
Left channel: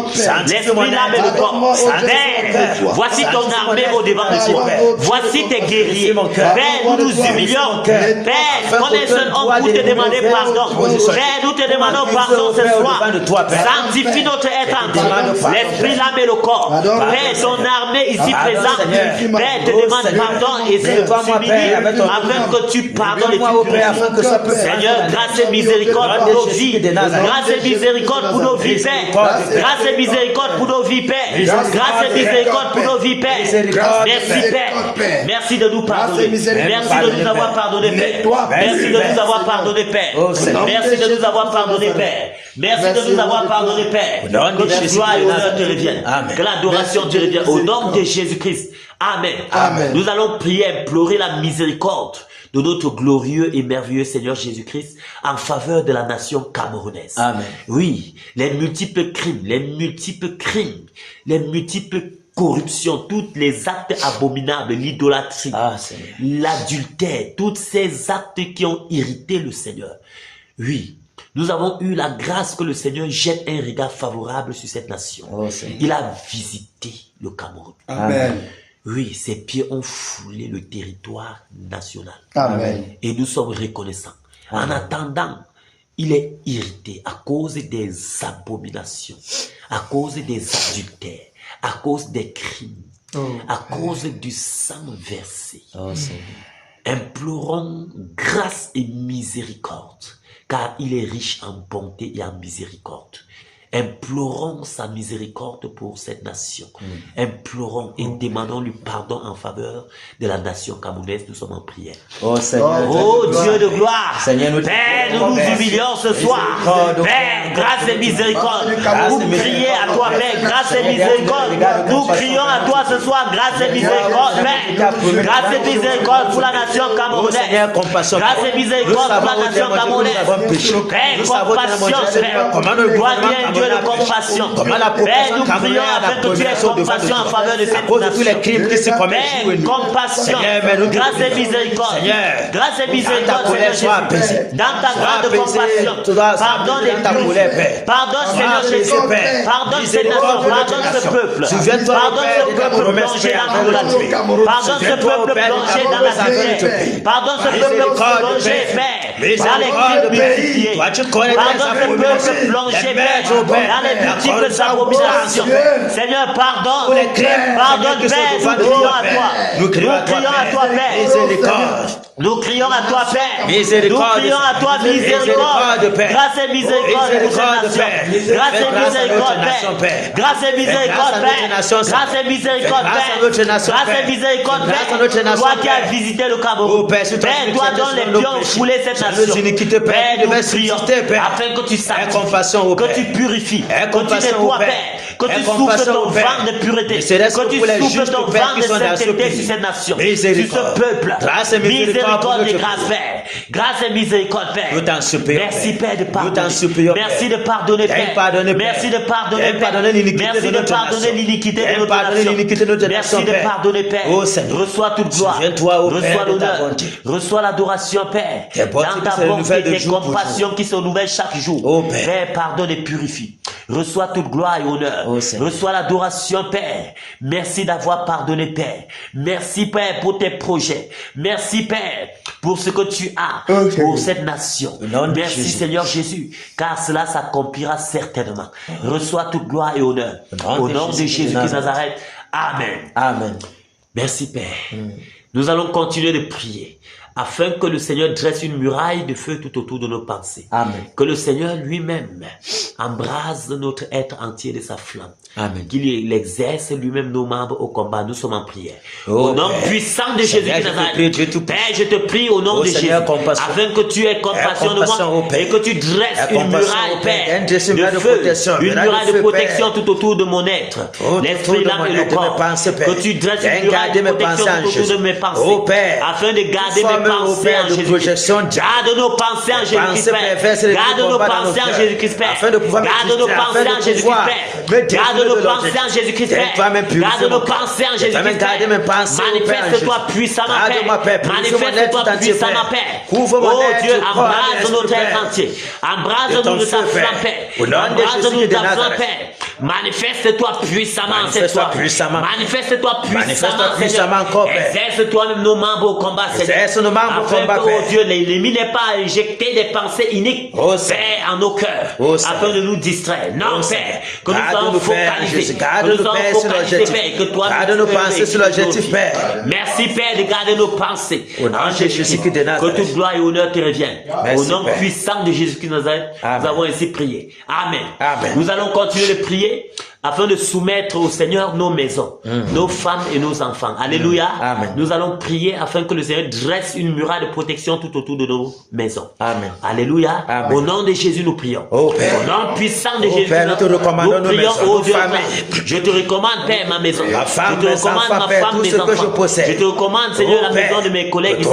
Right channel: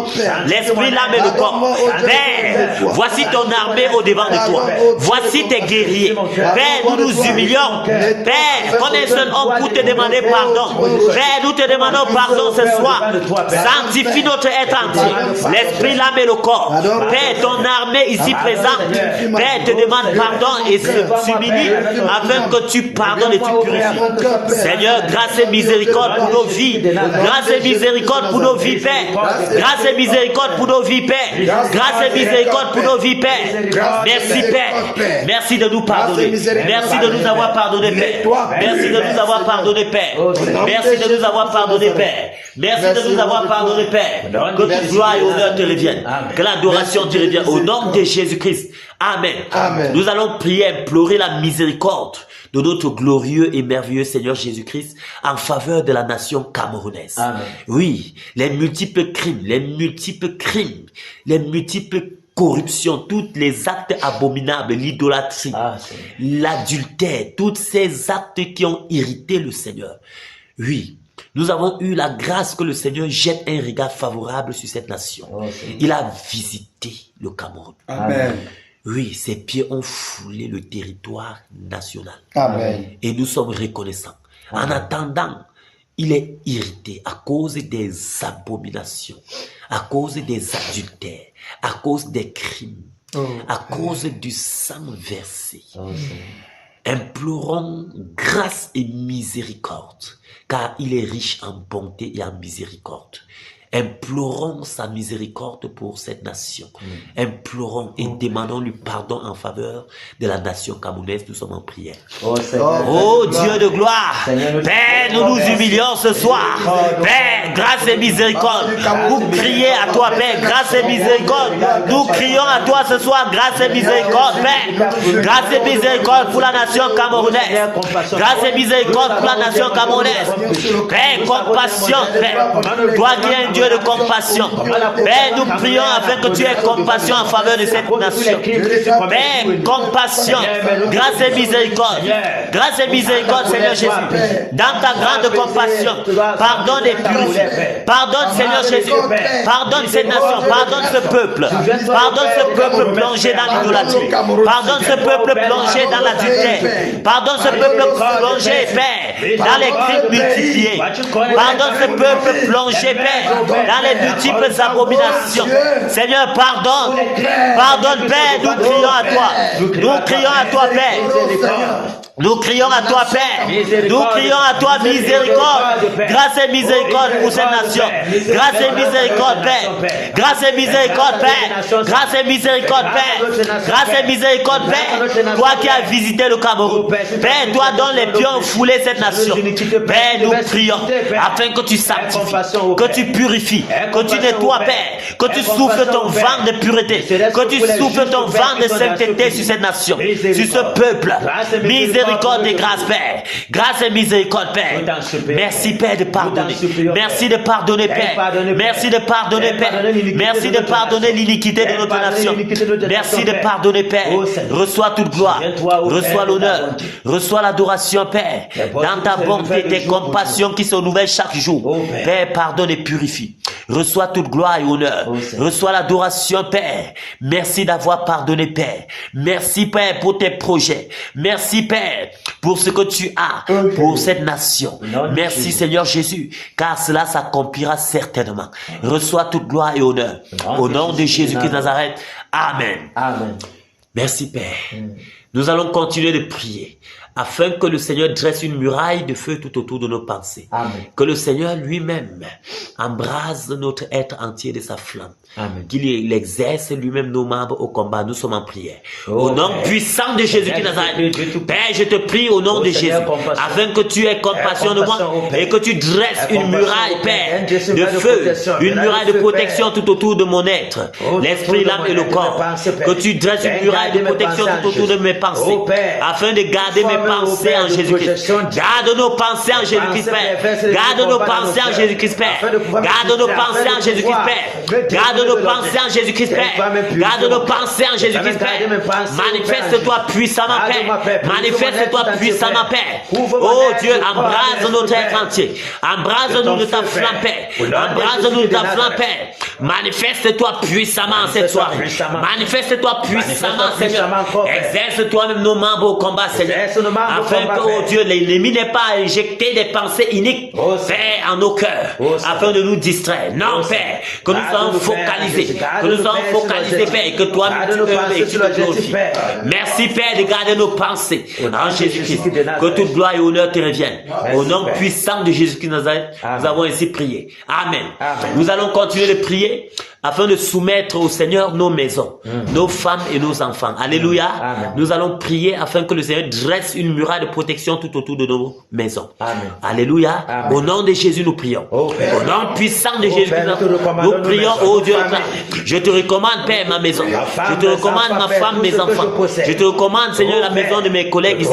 L'esprit, l'âme et le corps. Père, voici ton armée au devant de toi. Voici tes guerriers. Père, nous nous humilions. Père, qu'on est seul homme pour te demander pardon. Père, nous te demandons pardon ce soir. Sanctifie notre être entier. L'esprit, l'âme et le corps. Père, ton armée ici présente. Père, te demande pardon et s'humilie afin que tu pardonnes et tu purifies. Seigneur, grâce et miséricorde pour nos vies. Grâce et miséricorde pour nos vies, Père. Grâce et miséricorde pour nos vies, Père. Grâce et miséricorde pour nos vies, Père. Merci, Père. Merci de nous pardonner. Merci de nous avoir pardonné, Père. Merci de nous avoir pardonné, Père. Merci de nous avoir pardonné, Père. Merci de nous avoir pardonné, Père. Que la gloire et l'honneur te reviennent. Que l'adoration te revienne. Au nom de Jésus-Christ. Amen. Amen. Nous allons prier, implorer la miséricorde de notre glorieux et merveilleux Seigneur Jésus-Christ en faveur de la nation camerounaise. Amen. Oui, les multiples crimes, les multiples corruptions, tous les actes abominables, l'idolâtrie, l'adultère, tous ces actes qui ont irrité le Seigneur. Oui, nous avons eu la grâce que le Seigneur jette un regard favorable sur cette nation. Il a visité le Cameroun. Amen. Oui, ses pieds ont foulé le territoire national. Amen. Et nous sommes reconnaissants. En attendant, il est irrité à cause des abominations, à cause des adultères, à cause des crimes, à cause du sang versé. Implorons grâce et miséricorde, car il est riche en bonté et en miséricorde. Implorons sa miséricorde pour cette nation. Implorons et demandons lui pardon en faveur de la nation camerounaise. Nous sommes en prière. Oh Seigneur, Oh Dieu de gloire, Seigneur, Père, nous nous humilions ce soir. Père, grâce et miséricorde, nous crions à toi, Père, grâce et miséricorde. Nous crions à toi ce soir, grâce et miséricorde, Père. Grâce et miséricorde pour la nation camerounaise. Grâce et miséricorde pour la nation camerounaise. Père, compassion, Père. Toi qui es un Dieu de compassion. Père, nous prions afin que tu aies compassion en faveur de cette nation. Père, compassion, grâce et miséricorde. Grâce et miséricorde, Seigneur Jésus. Dans ta grande compassion, pardonne les plus. Pardonne, Seigneur Jésus. Pardonne ces nations. Pardonne ce peuple. Pardonne ce peuple plongé dans l'idolâtrie. Pardonne ce peuple plongé dans la misère. Pardonne ce peuple plongé, Père, dans les crimes multipliés. Pardonne ce peuple plongé, Père, dans les multiples abominations. Seigneur, pardonne. Pardonne, Père, nous crions à toi. Nous crions à toi, Père. Nous crions à toi, Père. Nous crions à toi, miséricorde. Grâce et miséricorde pour cette nation. Grâce et miséricorde, Père. Grâce et miséricorde, Père. Grâce et miséricorde, Père. Grâce et misicorde, Père. Toi qui as visité le Cameroun. Père, toi dont les pieds ont foulé cette nation. Père, nous prions afin que tu sanctifies, que tu purifies, que tu nettoies, Père. Que tu souffles ton vent de pureté. Que tu souffles ton vent de sainteté sur cette nation. Sur ce peuple. Miséricorde et grâce, Père. Grâce et miséricorde, Père. Merci, Père, de pardonner. Merci de pardonner, Père. Merci de pardonner, Père. Merci de pardonner l'iniquité de notre nation. Merci de pardonner, Père. Reçois toute gloire. Reçois l'honneur. Reçois l'adoration, Père. Dans ta bonté, tes compassions qui sont nouvelles chaque jour. Père, pardonne et purifie. Reçois toute gloire et honneur. Reçois l'adoration, Père. Merci d'avoir pardonné, Père. Merci, Père, pour tes projets. Merci, Père, pour ce que tu as pour cette nation. Merci, Seigneur Jésus, car cela s'accomplira certainement. Reçois toute gloire et honneur. Au nom de Jésus-Christ de Nazareth. Amen. Amen. Merci, Père. Nous allons continuer de prier afin que le Seigneur dresse une muraille de feu tout autour de nos pensées. Amen. Que le Seigneur lui-même embrase notre être entier de sa flamme. Amen. Qu'il exerce lui-même nos membres au combat. Nous sommes en prière. Au nom puissant de Jésus de Nazareth. Père, je te prie au nom de Jésus, afin que tu aies compassion de moi et que tu dresses une muraille, Père, de feu, une muraille de protection tout autour de mon être, l'esprit, l'âme et le corps. Que tu dresses une muraille de protection tout autour de mes pensées, afin de garder mes pensées en Jésus-Christ. Garde nos pensées en Jésus-Christ, Père. Garde nos pensées en Jésus-Christ, Père. Garde nos pensées en Jésus-Christ, Père. Garde nos pensées en Jésus-Christ, Père. Garde nos pensées en Jésus-Christ, Père. Manifeste-toi puissamment, Père. Manifeste-toi puissamment, Père. Oh Dieu, embrase notre être entier. Embrase-nous de ta flamme, Père. Embrase-nous de ta flamme, Père. Manifeste-toi puissamment cette soirée. Manifeste-toi puissamment, Seigneur. Exerce toi-même nos membres au combat, Seigneur. Afin que, oh Dieu, l'ennemi n'ait pas injecté des pensées iniques, Père, en nos cœurs, afin de nous distraire. Non, Père, que nous soyons focalisés, que nous soyons focalisés, Père, et que toi, merci, Père, de garder nos pensées en Jésus-Christ. Que toute gloire et honneur te reviennent. Au nom puissant de Jésus-Christ de Nazareth, nous avons ainsi prié. Amen. Nous allons continuer de prier afin de soumettre au Seigneur nos maisons, nos femmes et nos enfants. Alléluia. Nous allons prier afin que le Seigneur dresse une muraille de protection tout autour de nos maisons. Alléluia. Au nom de Jésus, nous prions. Au nom puissant de Jésus, nous prions, oh Dieu. Je te recommande, Père, ma maison. Je te recommande ma femme, mes enfants. Je te recommande, Seigneur, la maison de mes collègues.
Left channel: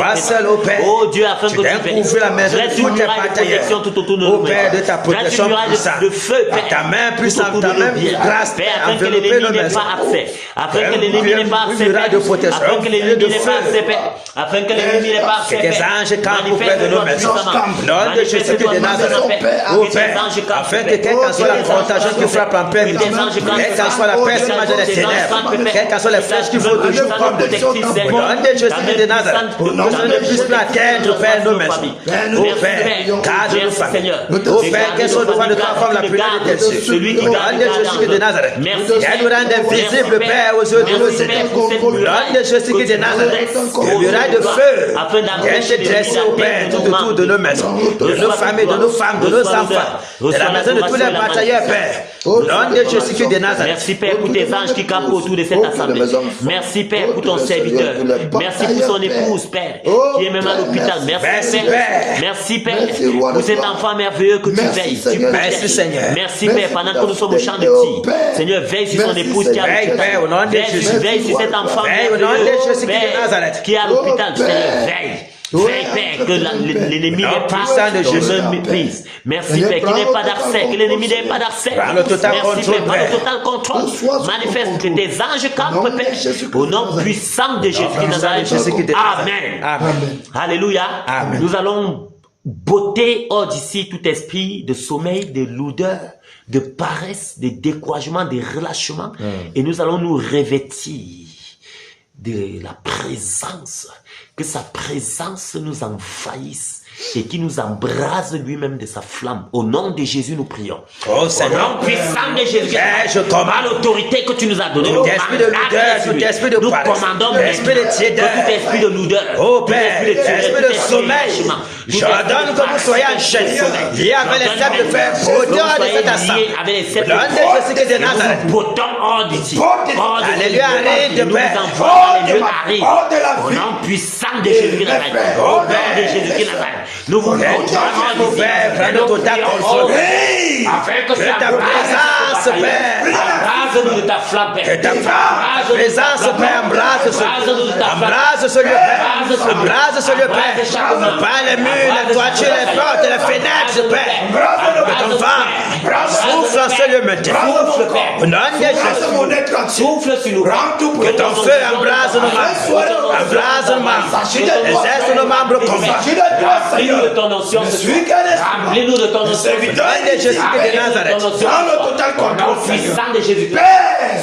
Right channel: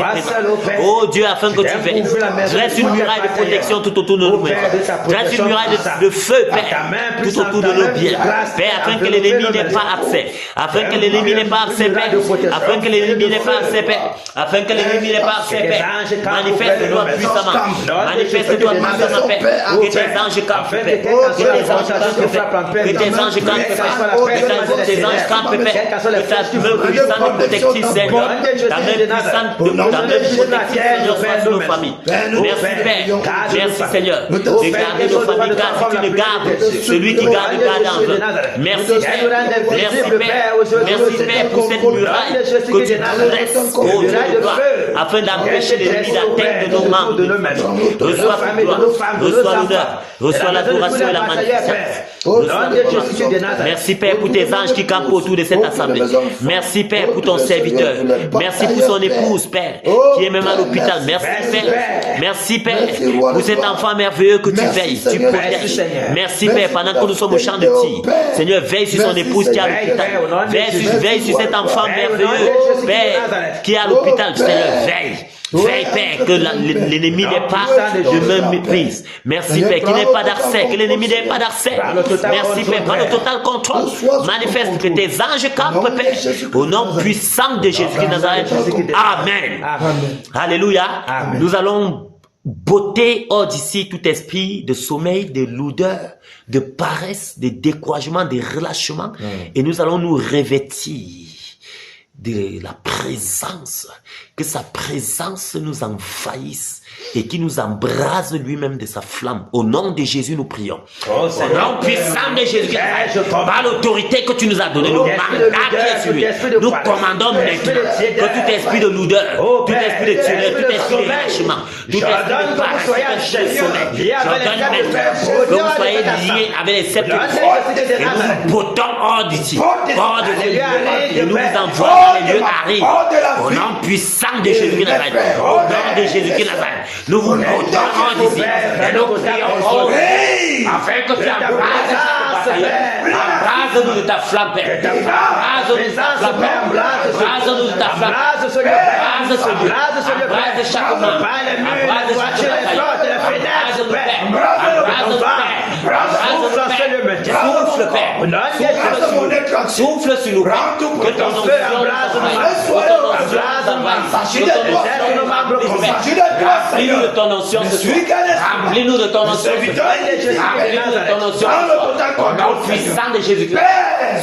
Oh Dieu, afin que tu fasses. Dresse une muraille de protection tout autour de nos maisons. Dresse une muraille de feu, Père, tout autour de nos biens. Père, afin que l'ennemi n'ait pas accès. Afin que l'ennemi n'ait pas accès. Afin que l'ennemi n'ait pas accès, Père. Afin que l'ennemi n'ait pas accès, Père. Manifeste-toi puissamment. Manifeste-toi puissamment, Père. Que tes anges campent, afin que quelqu'un soit la tentation qui frappe en paix, que tes anges campent, quelle que soit la personne de ténèbres, quelle que soit la flèche qui frappe, au nom de Jésus, la terre, nous Père, nous maisons. Merci, Seigneur. Nous Père, quelle soit devant de ta femme la plus grande, celui qui garde Nazareth. Merci, Viens nous rendre visible, Père, aujourd'hui. Nom de Jésus-Christ de Nazareth. Le muraille de feu. Afin Viens d'empêcher te de dresser, la Père, tête de nos autour membres. de nos maisons, de nos familles, de nos femmes, de nos enfants, de la maison de tous les batailleurs, Père. Nom de Jésus-Christ de Nazareth. Merci Père pour tes anges qui campent autour de cette assemblée. Merci Père pour ton serviteur. Merci pour son épouse, Père, qui est même à l'hôpital. Merci Père. Merci Père pour cet enfant merveilleux que tu veilles. Merci Seigneur. Merci Père, pendant que nous sommes au champ de tir. Seigneur, veille sur son épouse qui est à l'hôpital. Veille sur cet enfant merveilleux, Père, qui est à l'hôpital. Seigneur, veille. Veille, Père, que l'ennemi n'est pas dans une méprise. Merci, Père, qu'il n'ait pas d'accès, que l'ennemi n'ait pas d'accès. Merci, Père, par le total contrôle. Manifeste que tes anges campent, Père, au nom puissant de Jésus de Nazareth. Amen. Alléluia. Nous allons botter hors d'ici tout esprit de sommeil, de lourdeur, de paresse, de découragement, de relâchement. Et nous allons nous revêtir de la présence, que sa présence nous envahisse et qui nous embrase lui-même de sa flamme. Au nom de Jésus, nous prions. Au nom puissant de Jésus, par l'autorité que tu nous as donnée, nous commandons maintenant que tout esprit de lourdeur, tout esprit de tuerie, tout esprit de lâchement, j'ordonne que vous soyez en chaîne, liés avec les cercles de fer, avec les cercles de fer, nous bottons hors d'ici, hors de Jésus, et nous vous envoyons les lieux arrivent, au nom puissant de Jésus, au nom de Jésus, nous vous bottons hors d'ici, nous vous prions, afin que tu embrases-nous de ta flamme, Père, embrase-nous de ta flamme, embrase ce lieu, Père, par les murs, les toitures, les portes, les fenêtres, Père, souffle sur le matin, souffle sur nous, que ton feu embrase nos membres, remplis-nous de ton onction, remplis-nous de ton onction, au nom puissant de Jésus-Christ.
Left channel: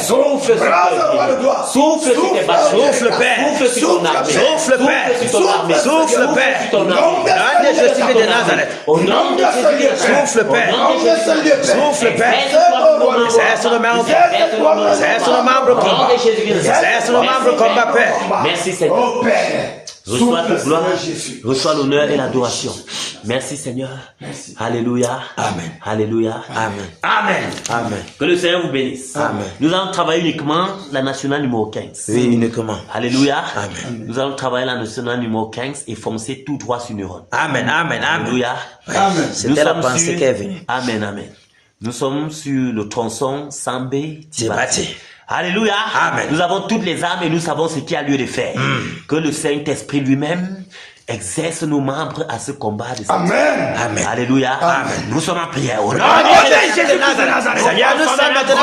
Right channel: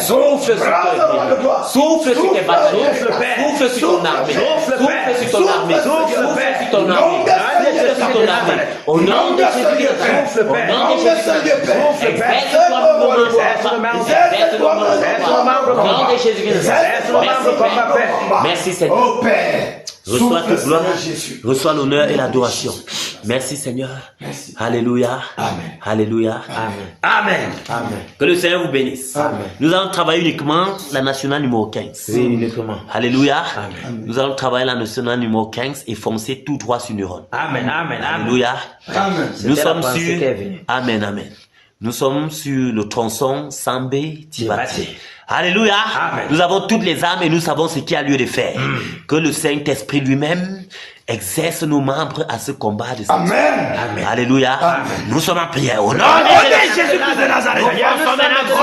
Souffle sur toi, souffle sur tes bâtiments, souffle sur ton armée, souffle sur ton armée, souffle sur ton armée, au nom de Jésus-Christ, souffle, Père, au nom de Jésus-Christ, souffle, Père, merci Seigneur. Reçois toute gloire, reçois l'honneur et l'adoration. Merci Seigneur. Alléluia. Amen. Alléluia. Amen. Amen. Amen. Que le Seigneur vous bénisse. Amen. Nous allons travailler uniquement la nationale numéro 15. Oui, uniquement. Alléluia. Amen. Nous allons travailler la nationale numéro 15 et foncer tout droit sur Neuron. Amen. Amen. Alléluia. Amen. Nous C'était la sommes pensée sur... qui est venue. Amen. Amen. Nous sommes sur le tronçon Sambé-Tibati. Tibati. Alléluia. Amen. Nous avons toutes les âmes et nous savons ce qu'il y a lieu de faire. Que le Saint-Esprit lui-même exerce nos membres à ce combat de Amen. Amen. Alléluia. Amen. Nous sommes en prière. Au nom de Jésus-Christ de Nazareth. Nous sommes notre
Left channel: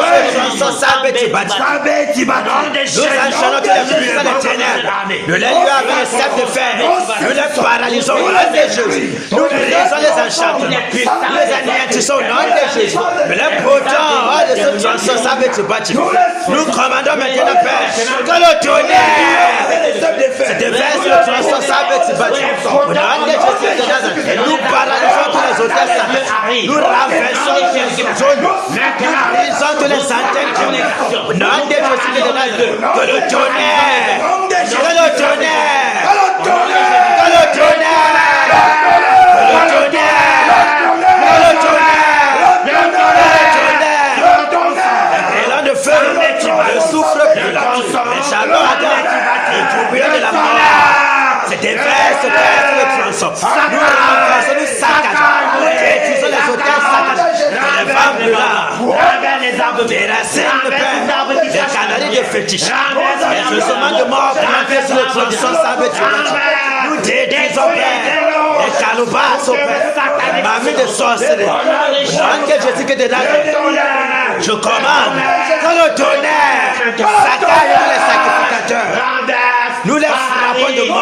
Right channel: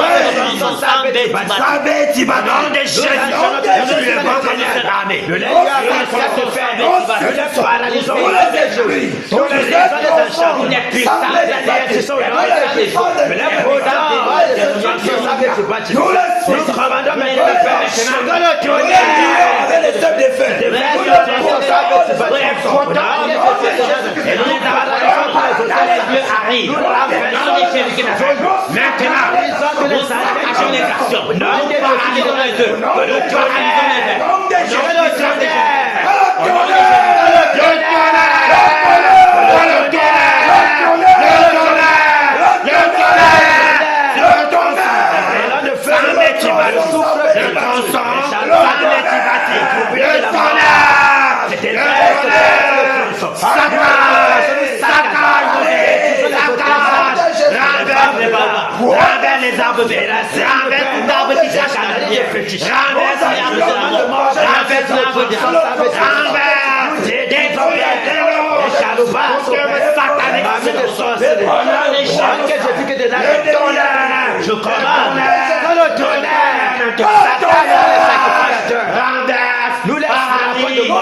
le lieu avec les cercles de fer, nous les paralysons, nous les esprits, nous les enchantements, les anéantissons au nom de Jésus, nous les brûlons hors de ce tranchant Sambé-Tibati. Nous commandons maintenant le Père que le tonnerre se déverse sur le tranchant Sambé-Tibati. Au nom de Jésus, nous paralysons tous les autres, nous renversons tous les antennes qui ont les garçons. Au nom de Jésus, que le tonnerre, je commande que le tonnerre, nous les frappons de mort,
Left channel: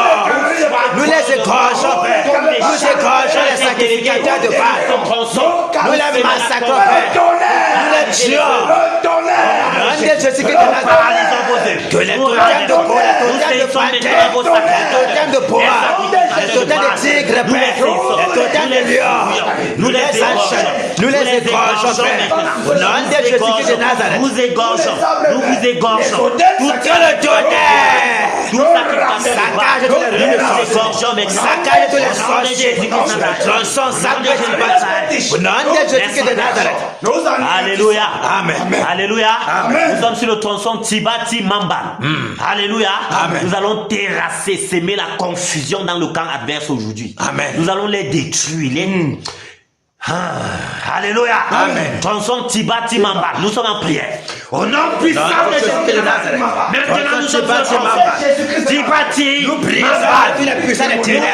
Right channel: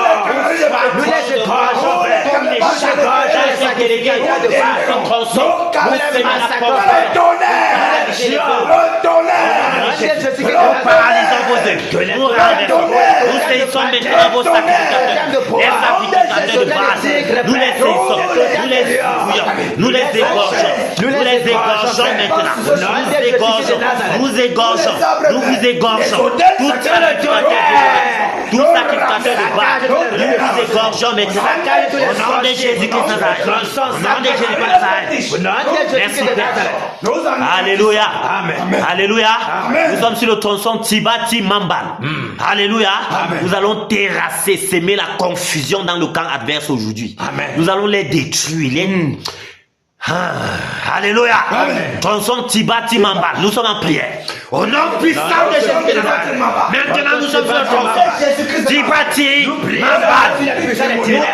nous les égorgeons, les sacrificateurs de Baal, nous les massacrons, nous les tuons, que les totems de tigre, nous les égorgeons, Nous les égorgeons maintenant. Au nom de Jésus-Christ de Nazareth. Nous égorgeons. Nous vous égorgeons. Tout Que le tonnerre. tout ça qui passe le bas. Nous vous égorgeons maintenant. Saccage tous les Au nom de sorciers. Jésus-Christ de Nazareth. Tronçon, Au nom de saccage Jésus-Christ de les Nazareth. Au nom de Jésus-Christ de Nazareth. Alléluia. Amen. Alléluia. Nous sommes sur le tronçon Tibati Mambal. Alléluia. Amen. Nous allons terrasser, semer la confusion dans le camp adverse aujourd'hui. Amen. Nous allons les détruire. Alléluia. Amen. Tronçon Tibati Mambal. Nous sommes en prière. Au nom puissant de Jésus de Nazareth. Maintenant nous sommes sur le tronçon Tibati Mambal. Vu la puissance des ténèbres.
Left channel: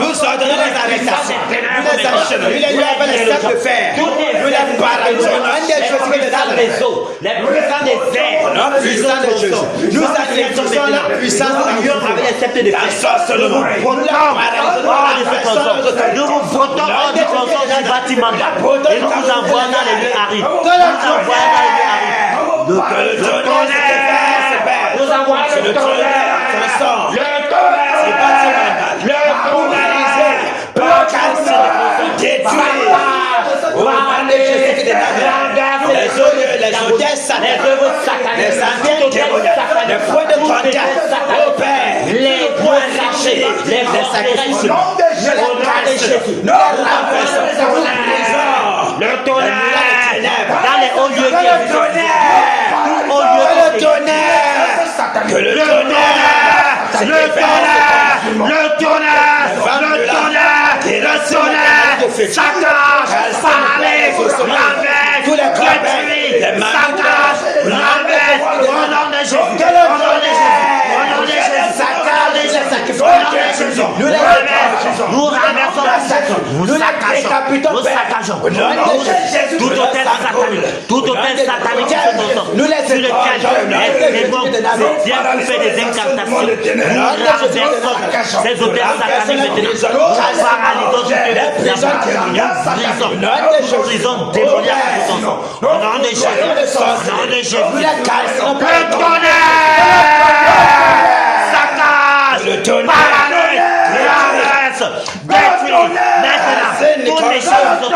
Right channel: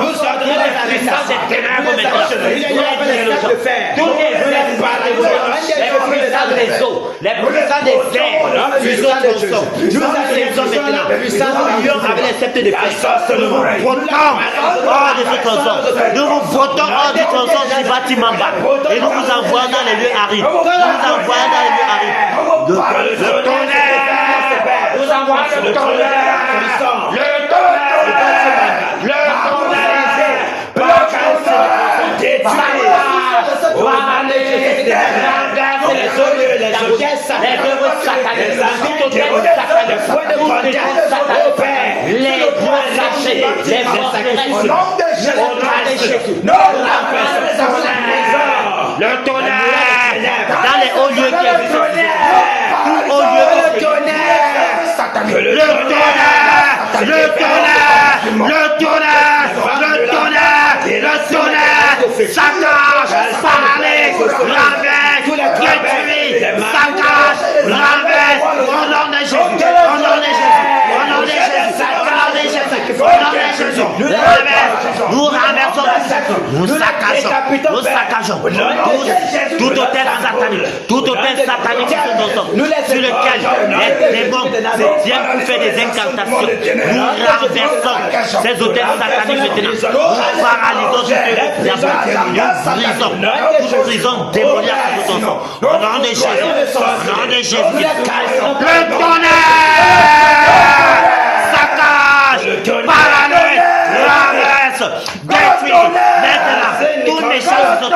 Nous sortons les arrestations. Nous les achevons. Nous les lui avons les sacs de fer. Nous les paralysons. Les puissants des eaux, les puissants des airs, La puissance de Jésus. Nous agressons la puissance de Dieu avec les sceptres de la sorcellerie. Nous vous votons hors du tronçon du bâtiment bas. Et nous vous envoyons dans les lieux arides. Nous vous envoyons dans les lieux arides. Le tonnerre. Nous envoyons le tonnerre. Le tonnerre dans les hauts lieux qui existent. Tout haut lieu qui nous renversons la secte, nous saccageons, tout hôtel satanique, tout hôtel satanique sur lequel les démons viennent pour faire des incantations. Nous renversons ces hôtels sataniques, nous paralysons nous brisons démoniaques à tout nom. Au nom de Jésus, au nom de Jésus, le saccage, paranoïa, toutes les choses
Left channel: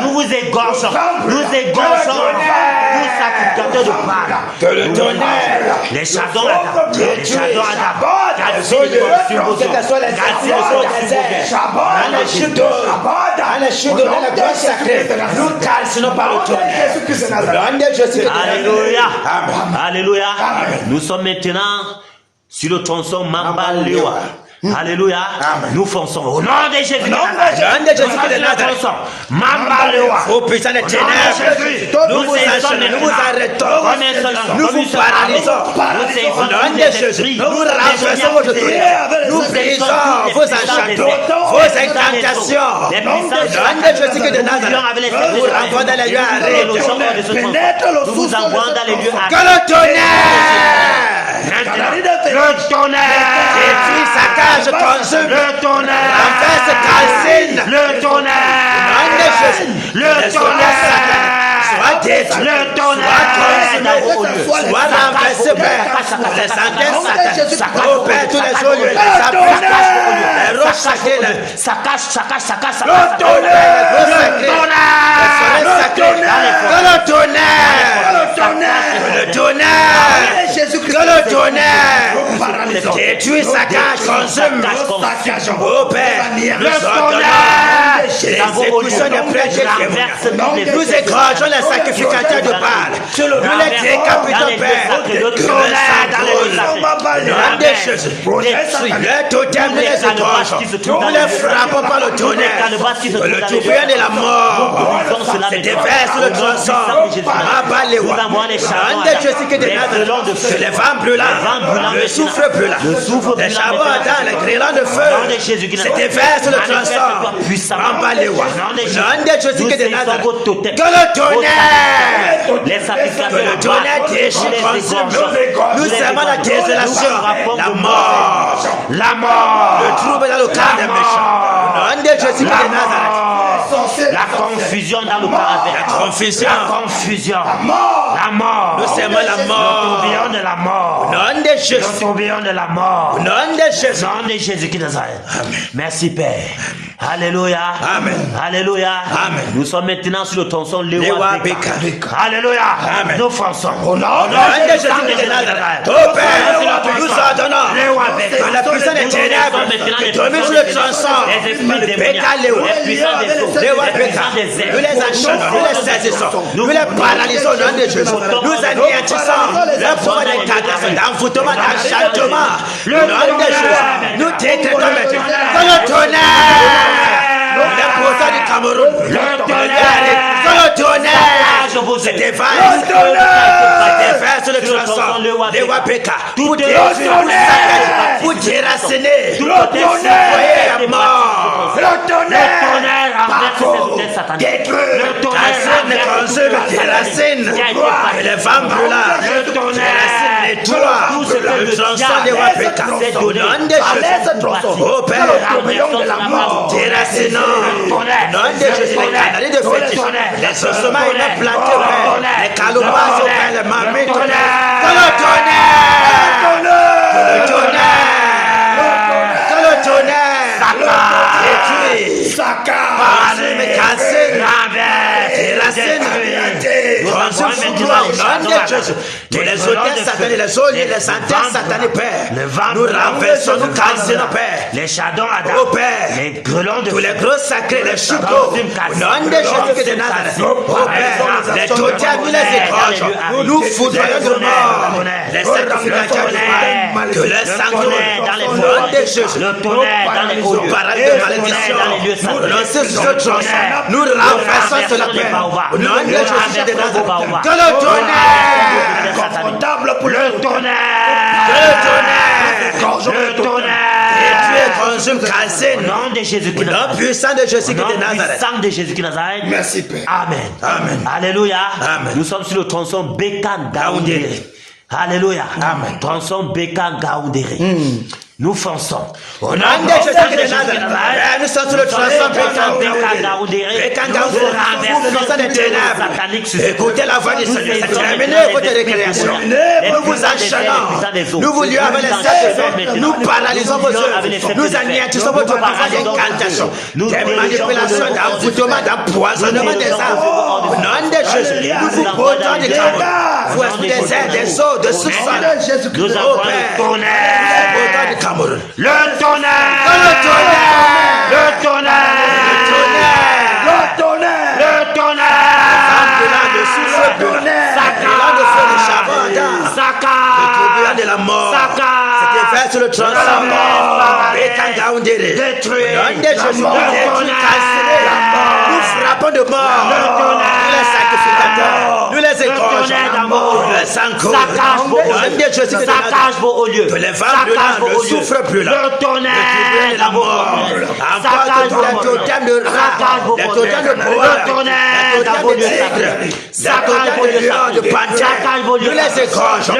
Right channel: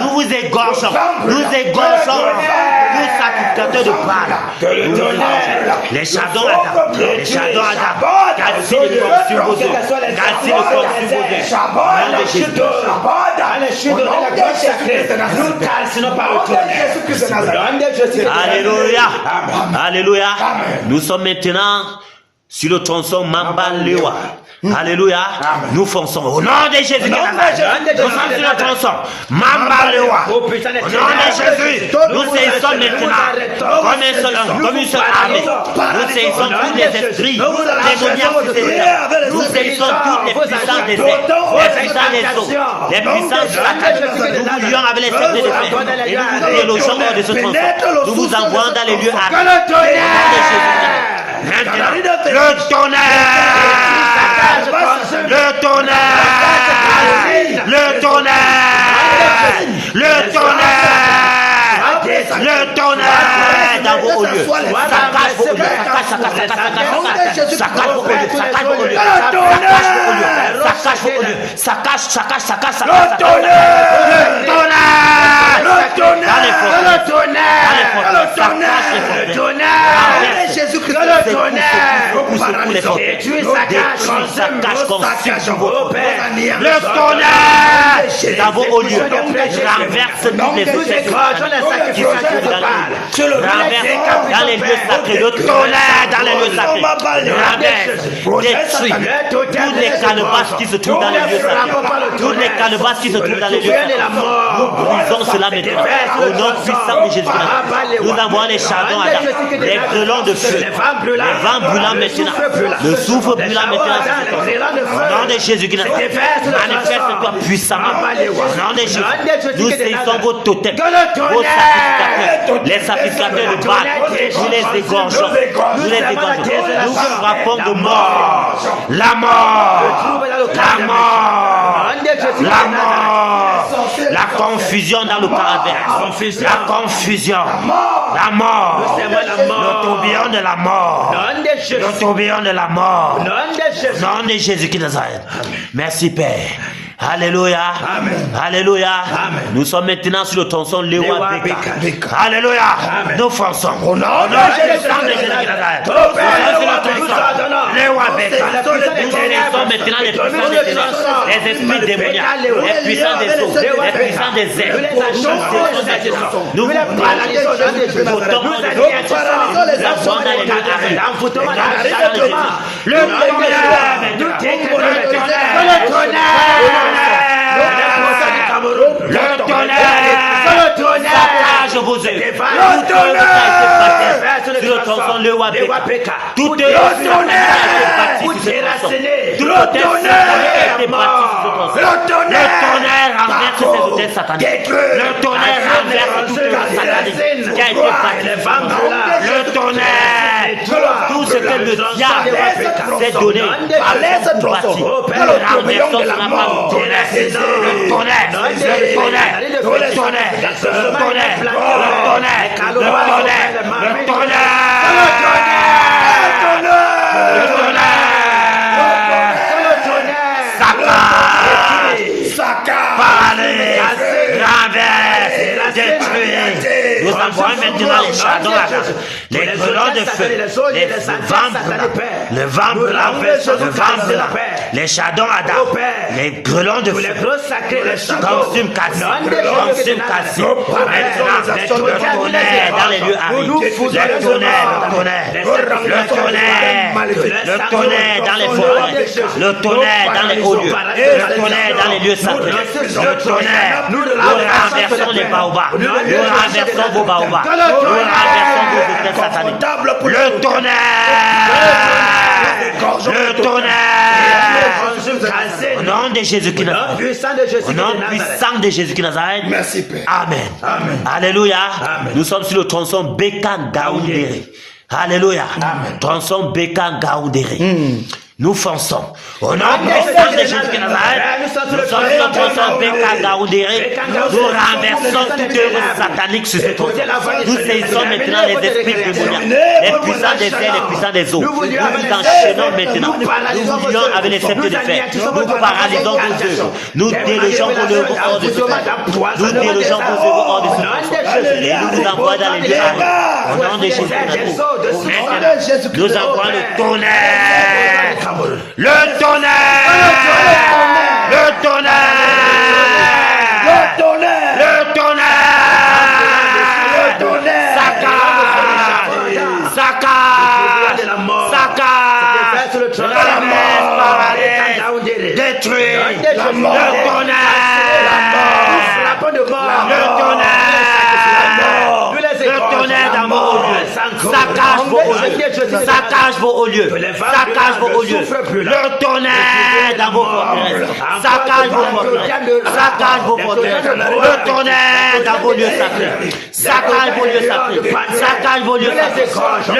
nous vous égorgeons, nous sacrificateurs de Baal, les chardons Alléluia. Nous sommes maintenant sur le tronçon Mambalewa. Alléluia. Nous fonçons au nom de Jésus. Au nom de Jésus. Nous fonçons. Mambalewa. Au puissant des ténèbres. Nous saisissons maintenant comme un seul homme, comme une seule âme. Nous saisissons tous les esprits. Nous saisissons toutes les puissances des incantations. Les puissances nous vivons avec les esprits de nous vous envoyons dans les lieux arides. Le tonnerre, dans vos lieux. Nous avons les chardons, les grêlons de feu, les vents brûlants maintenant, le souffle brûlant maintenant, au nom de Jésus-Christ, manifeste-toi puissamment, au nom de Jésus, nous saisissons vos totems, vos sacrificateurs, les sacrificateurs de Baal, nous les égorgeons, nous frappons de mort, la mort, la confusion dans le paradis, la confusion, la mort, le tourbillon de la mort, le tourbillon de la mort, nom de Jésus qui Nazareth. Merci Père. Alléluia. Amen. Alléluia. Amen. Nous sommes maintenant sur le tronçon Lewa Beka. Alléluia. Amen. Nous forçons. Au nom de Jésus de Nazareth. Ô Père, nous ordonnons par la puissance des ténèbres qui domine le tronçon. Nous les achetons, nous les saisissons, nous les paralysons au nom de Jésus. Nous anéantissons la forme des cadavres, l'envoûtement, l'enchantement. Le nom de Jésus, nous détruisons le tonnerre. Le pouvoir du Cameroun, le tonnerre, c'était vague, c'était sur le tronçon, le Wapeka, tout est tonnerre, tout déraciner, le tonnerre, mort, le tonnerre, détruit, le tonnerre, déracine, et les femmes brûlantes, le tonnerre, tout ce que le diable s'est donné, laisse tronçon, au Père, le tourbillon de la mort, déracinons, les ossements, les plantes, les calomars, les marmites, le les hôtels satanés, les eaux, les antennes satanées, Père. Nous renversons, nous cassons, Père. Les chardons à Ô Père, les grelons de tous les gros sacrés, les choupeaux, non des gens les totems, nous les écorchons, nous foudroyons de mort, les sacrificateurs de que les sanglots dans les au nom forêts, de Jésus, le tonnerre dans les hauts lieux, le tonnerre dans les lieux sacrés, le tonnerre, nous renversons les baobabs, nous renversons vos baobabs, que le tonnerre confortable pour le tonnerre, au nom de Jésus-Christ de Nazareth. Puissant de Jésus Au nom de Nazareth. puissant de Jésus-Christ de Nazareth. Merci Père. Amen. Amen. Alléluia. Amen. Nous sommes sur le tronçon Bekan Gaoundéré. Alléluia. Amen. Tronçon Bekan Gaoundéré. Nous fonçons. Au nom Amen. de Jésus-Christ de Nazareth. Nous sommes sur le Nous sommes sur le tronçon Bekan Gaoundéré. Nous renversons toutes les sataniques sur ce tronçon. Écoutez la voix du Nous Seigneur. saisissons maintenant Terminez les votre esprits récréation. démoniaques, les puissants des cieux, les puissants des eaux. Nous vous lui avons Nous laissé. enchaînons maintenant. Nous paralysons vos Nous œuvres. avec les faits Nous de anéantissons nous votre paralysons vos œuvres. Nous dirigeons vos œuvres hors du feu. d'empoisonnement Nous des dirigeons vos œuvres hors du Au feu. nom de Jésus, Nous nous envoyons dans les airs. Au nom de des airs, des Jésus. eaux, de Au nom soufre. de Jésus-Christ Nous de envoyons Nazareth. le tonnerre. Le Cameroun. Le tonnerre. Le tonnerre. Le tonnerre. Le tonnerre. Le tonnerre. Le tonnerre. Saka. De la mort. Saka. C'était fait sur le tronçon. De la mort. Détruit. La mort. La mort. Nous frappons de mort. Le tonnerre. Nous les Le tonnerre dans vos écorchons. lieux. Saccage vos hauts lieux. Saccage vos hauts lieux. Saccage vos hauts lieux. Le tonnerre dans vos forteresses. Saccage vos forteresses. Saccage vos forteresses. Le tonnerre dans vos lieux sacrés. Saccage vos lieux sacrés. Saccage vos lieux sacrés.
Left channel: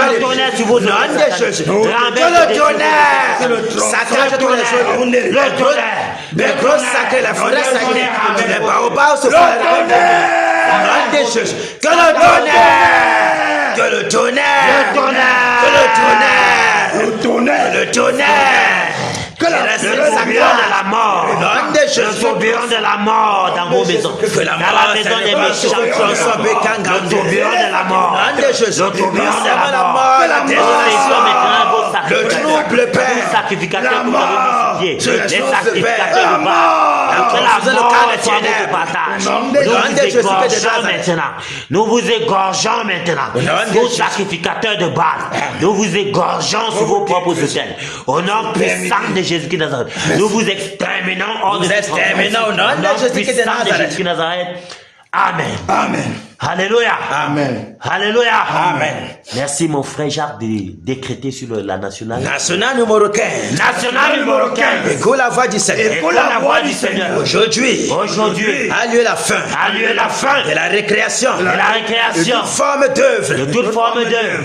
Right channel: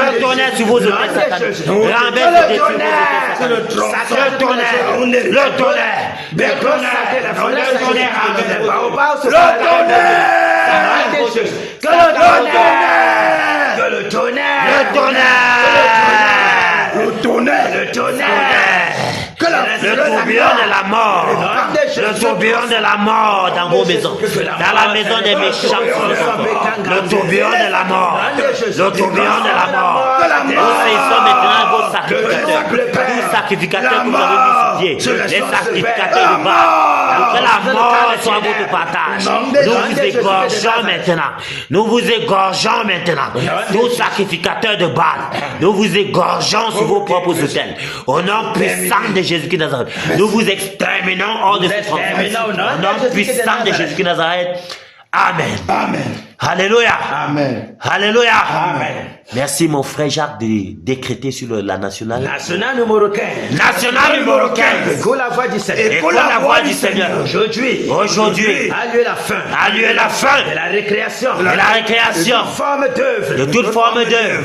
Le tonnerre sur vos œuvres sataniques. Renverse Le tonnerre. Le tronçon. Saccage tous les œuvres. Le Le tonnerre. Les gros sacrés, la forêt sacrée. Les baobabs se font Le tonnerre. des choses. Que le tonnerre. Que le tonnerre. Le tonnerre. Que le tonnerre. Le tonnerre. Le tonnerre. Que la Le tourbillon de la mort. Le tourbillon de la mort dans vos maisons. Dans la maison des méchants. Le tourbillon de la mort. Le tourbillon de la mort. Que la Nous mort. faisons maintenant vos sacrificateurs. Vous sacrificateurs que vous avez crucifiés. Les sacrificateurs de Baal. Que la mort soit votre partage. Nous vous égorgeons maintenant. Nous vous égorgeons maintenant. Vous sacrificateurs de Baal. Nous vous égorgeons sur vos propres autels. Au nom puissant de Jésus-Christ de Nazareth. Nous vous exterminons hors de ce Au nom puissant de Jésus-Christ de Nazareth. Amen. Amen. Alléluia. Amen. Alléluia. Amen. Merci mon frère Jacques de décréter sur la nationale. National numéro 15. National numéro 15. Écoute la voix du Seigneur. Écoute la voix du Seigneur. Aujourd'hui Aujourd'hui a lieu la fin. a lieu la fin De la récréation. de la récréation Une forme d'œuvre. de toute forme d'œuvre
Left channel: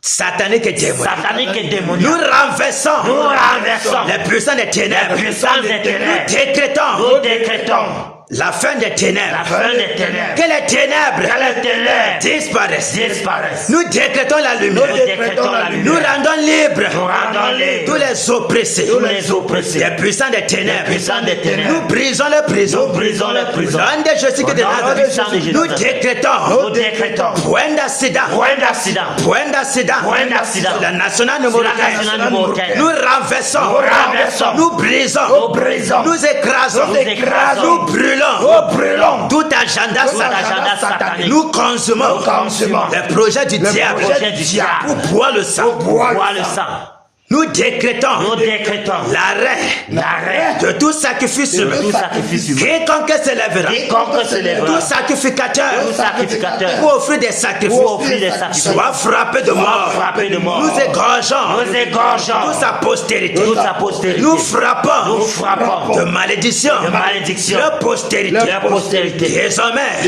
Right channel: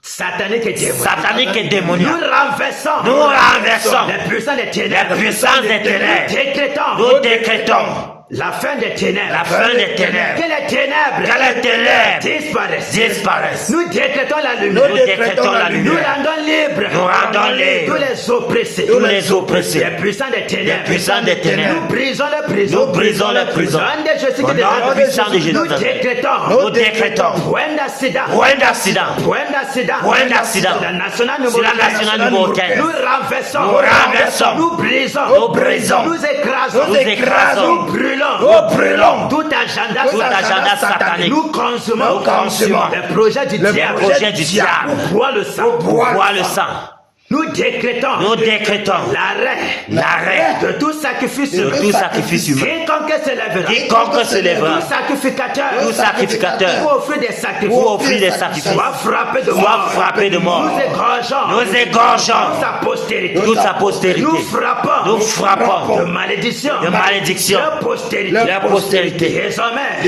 Satanique et démoniaque. satanique et Nous démoniaque. renversons. Nous renversons Les puissants des ténèbres. les puissances des ténèbres. Décrétons. Nous décrétons La fin des ténèbres. La fin des ténèbres. Que les ténèbres. Que les ténèbres disparaissent. disparaissent. Nous décrétons la lumière. Nous décrétons la Nous lumière. rendons libres. Nous rendons libres Tous les oppressés. tous les oppressés. Les puissants des ténèbres. Les puissants des ténèbres. Nous brisons les prisons. Nous brisons les prisons. Dans des Jésus que Au nom de Jésus. nous décrétons. Nous décrétons. Point d'accident. Point d'accident. Point d'accident. Point d'accident. La nationale numéro Sur la 15. nationale numéro 15. Nous renversons. Nous renversons. Nous brisons. Nous brisons. Nous écrasons. Nous écrasons. Nous brûlons. Nous brûlons. Tout agenda Tout agenda satanique. Nous consumons. Nous consumons. Les projets du diable. Projet du diable. Pour boire le sang. Bois le sang. Nous décrétons. Nous décrétons L'arrêt de tout sacrifice de humain. tout sacrifice humain. Quiconque s'élèvera. Quiconque se lèvera. Tout sacrificateur. Tout sacrificateur. Pour offrir des sacrifices. Pour offrir des sacrifices. Soit frappé de Soit mort. frappé de mort. Nous égorgeons. Nous égorgeons. Toute sa postérité. Toute sa postérité. Nous frappons. Nous frappons. De malédiction. De malédiction. De postérité. De postérité. Désormais.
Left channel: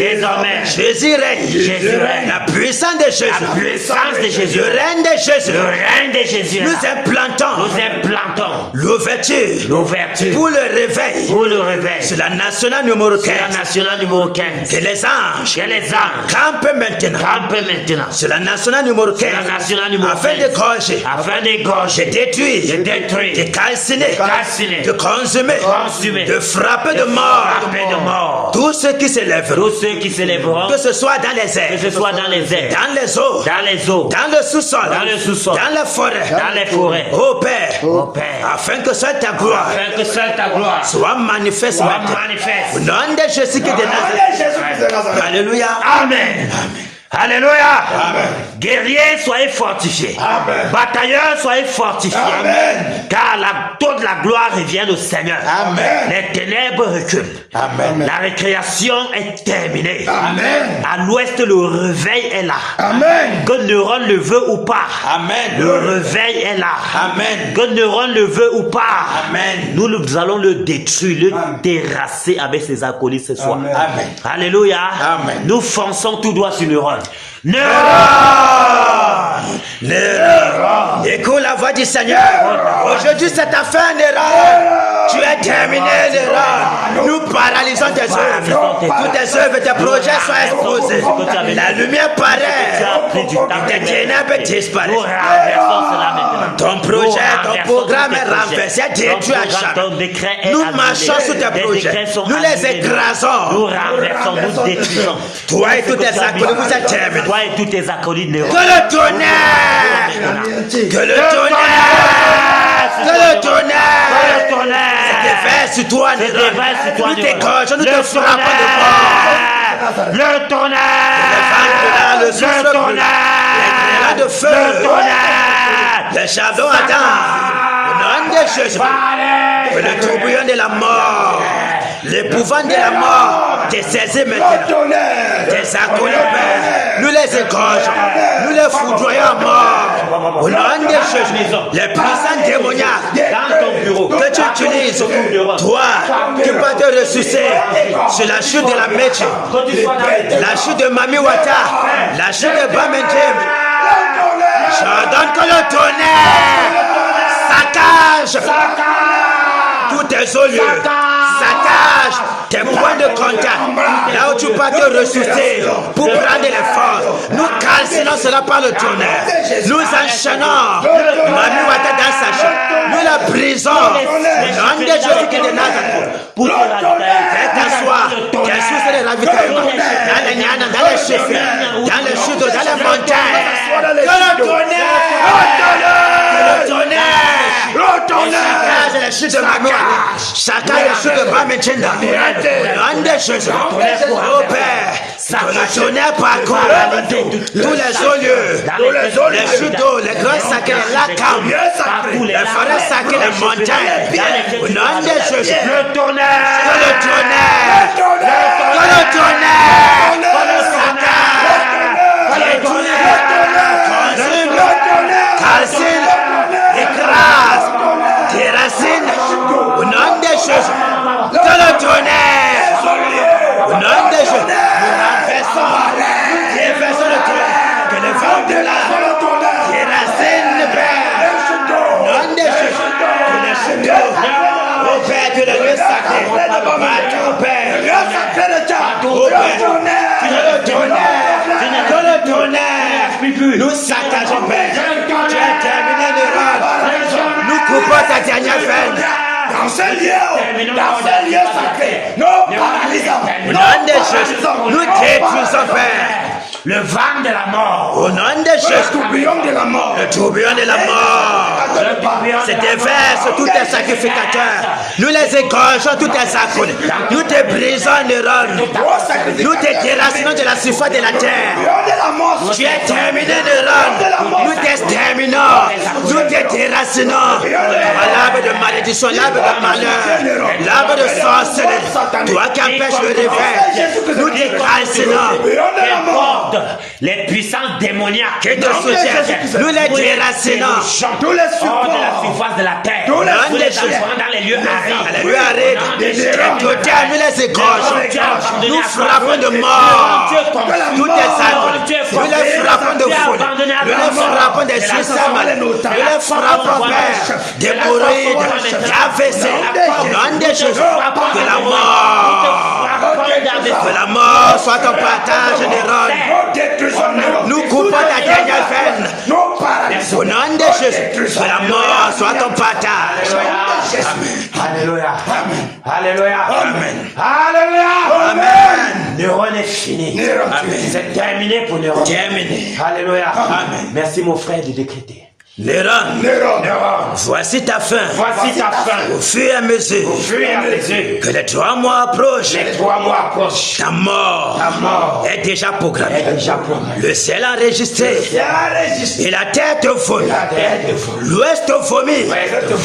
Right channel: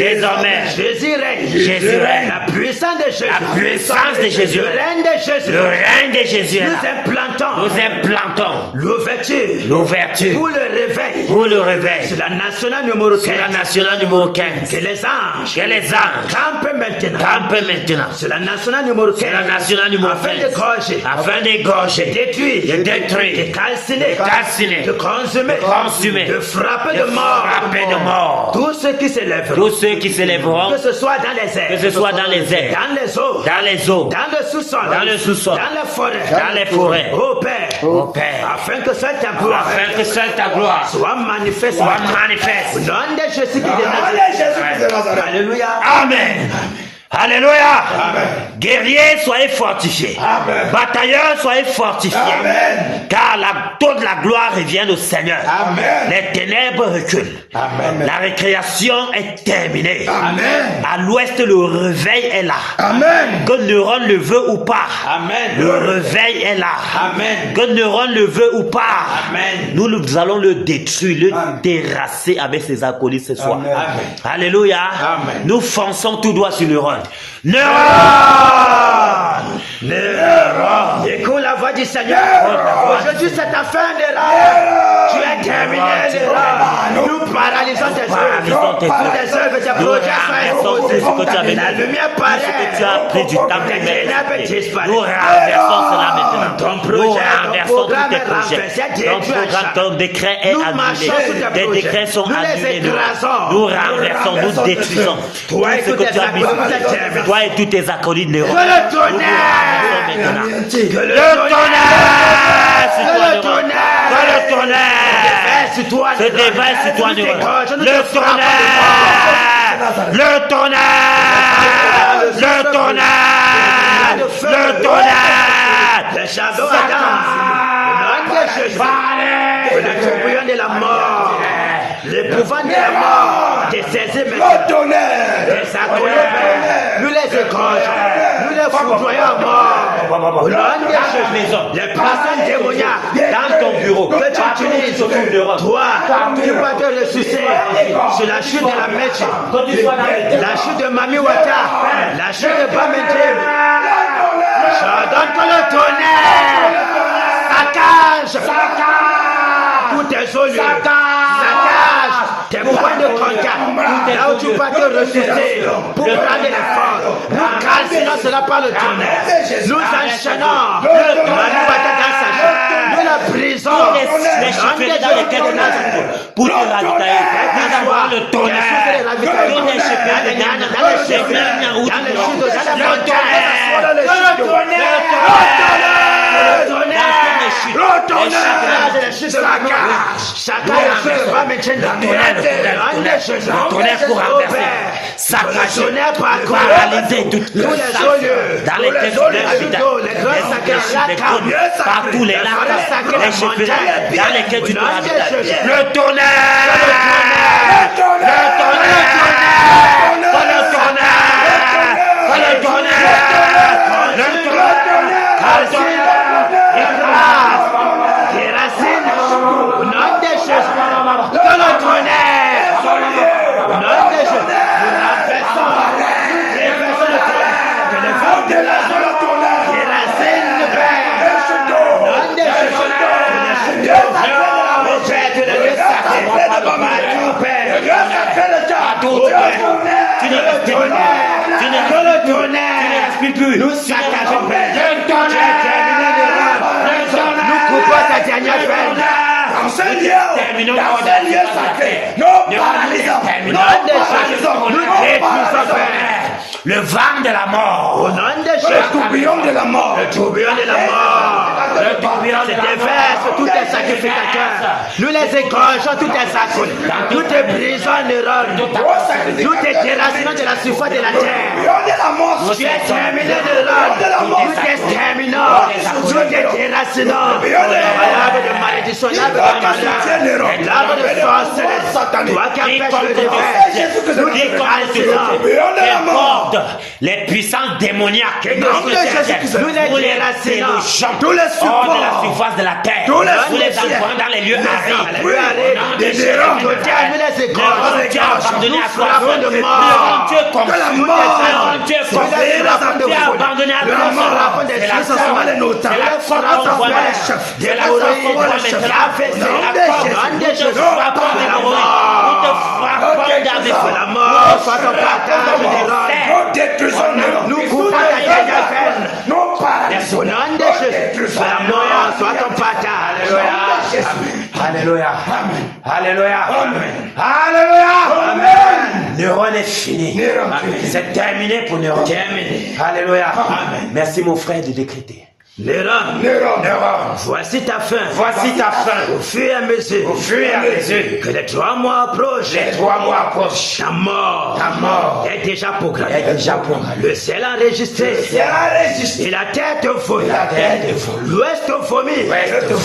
Jésus règne. Jésus règne. La puissance de Jésus. La puissance de Jésus. Le règne de Jésus. Le règne de Jésus. Nous implantons. Implantons l'ouverture pour le réveil. C'est la nationale numéro 15. C'est la nationale numéro 15. Que les anges. Que les anges campent maintenant. C'est la nationale numéro 15. C'est la nationale numéro 15. Afin d'égorger. De détruire. De calciner. De consumer. De frapper de mort. Tous ceux qui s'élèveront. Que ce soit dans les airs. Dans les eaux. Dans le sous-sol. Dans les forêts. Ô Père, afin que seule ta gloire soit manifeste. Au nom de Jésus de Nazareth. Alléluia. Amen. Alléluia. Guerriers, soyez fortifiés. Amen. Batailleurs, soyez fortifiés. Amen. Car toute la gloire revient au Seigneur. Amen. Les ténèbres reculent. Amen. La récréation est terminée. Amen. À l'ouest, le réveil est là. Amen. Que Neuron le veut ou pas. Amen. Le réveil est là. Amen. Que Neuron le veut ou pas. Amen. Nous allons le détruire, le terrasser avec ses acolytes ce soir. Amen. Amen. Alléluia. Amen. Nous fonçons tout droit sur Neuron. Neuron! Écoute la voix du Seigneur. Aujourd'hui, c'est ta fin, Neuron. Tu es terminé, Neuron. Nous paralysons tes œuvres. Toutes tes œuvres, tes projets sont exposés. La lumière paraît. Tes ténèbres disparaissent. Nous renversons cela maintenant. Ton projet, ton programme est renversé, détruit à chaque. Ton décret est Nous annulé. marchons sur tes projets. Nous les écrasons. Nous renversons, nous détruisons. Toi et tous tes acolytes, vous êtes terminés. Toi et tous tes acolytes Que le tonnerre! Que le tonnerre! Que le tonnerre! Se déverse sur toi, nous t'égorgeons, nous te frappons de mort. Le tonnerre! Le tonnerre! Le feu! Le tonnerre! Le chardon ardent! Le nom de Jésus! Que le tourbillon de la mort! L'épouvante de la mort! T'es saisi maintenant! Tes acolytes! Nous les égorgeons! Nous les foudroyons à mort! Au nom de Jésus! Les puissants démoniaques! Dans ton bureau. Que tu utilises, toi, tu vas te ressusciter sur la chute de la Meche, la chute de Mami Wata, la chute de Bamentem. J'ordonne que le tonnerre saccage tous tes eaux, saccage tes points de contact, là où tu vas te ressusciter pour prendre les forces. Nous calcinons cela par le tonnerre. Nous enchaînons Mami Wata dans sa chute. Nous la brisons. L'âme de Dieu qui est de Nazareth. Pour te ravitailler. Qu'elle soit de ravitaillement. Dans les chutes, dans les montagnes. Que le tonnerre. Chacun ne va mettre dans le monde des choses. Ça va tonnerre parcourt tous les hauts lieux, les chutes d'eau, les grands sacrés, la cam, partout les forêts sacrées, les montagnes, dans lesquelles tu donnes des choses. Le tonnerre, le tonnerre, le tonnerre, le tonnerre, le tonnerre, calcine, écrase, tes racines, au nom des choses, que le tonnerre, au nom des choses, les personnes de toi, que les femmes de la les racines de père, au nom des choses, Mon Père, tu es le lieu sacré. Mon Père, le tonnerre. Nous saccageons, Père. Tu as terminé de rendre. Nous coupons ta dernière veine. Dans ce lieu sacré, nous paralysons, nous détruisons, Père. Le vent de la mort. Au nom de Jésus. le tourbillon de la mort, Le tourbillon de la mort. C'est déverse tous tes sacrificateurs. Nous les égorgeons tous tes sacres. Nous te brisons en neurones. Nous te déracinons de la surface de la terre. Tu es terminé neurones. Nous t'exterminons. Nous te déracinons. L'arbre de malédiction, l'arbre de malheur, l'arbre de sorcellerie. Toi qui empêches le réveil. Nous déracinons. Les puissances démoniaques Nous les déracinons. tous les hors de la supports, surface de la terre. tous les Nous les supports, envoyons dans les lieux arides. Nous les égorgeons. Nous frappons de mort. Nous les frappons de foule. Nous les frappons des systèmes. Nous les frappons des pourris, d'AVC. Nom de Jésus. De la mort soit ton partage général. Nous coupons ta dernière veine. Au nom de Jésus. De la mort soit ton partage. Alléluia. Alléluia. Alléluia. Amen. Neuron est fini. C'est terminé pour Neuron. Terminé. Alléluia. Merci mon frère de décréter. Néron, voici ta fin. Voici ta fin. Au fur et à mesure que les 3 mois approchent, ta mort est déjà programmée. Le ciel enregistré et la tête vomit. L'ouest vomit.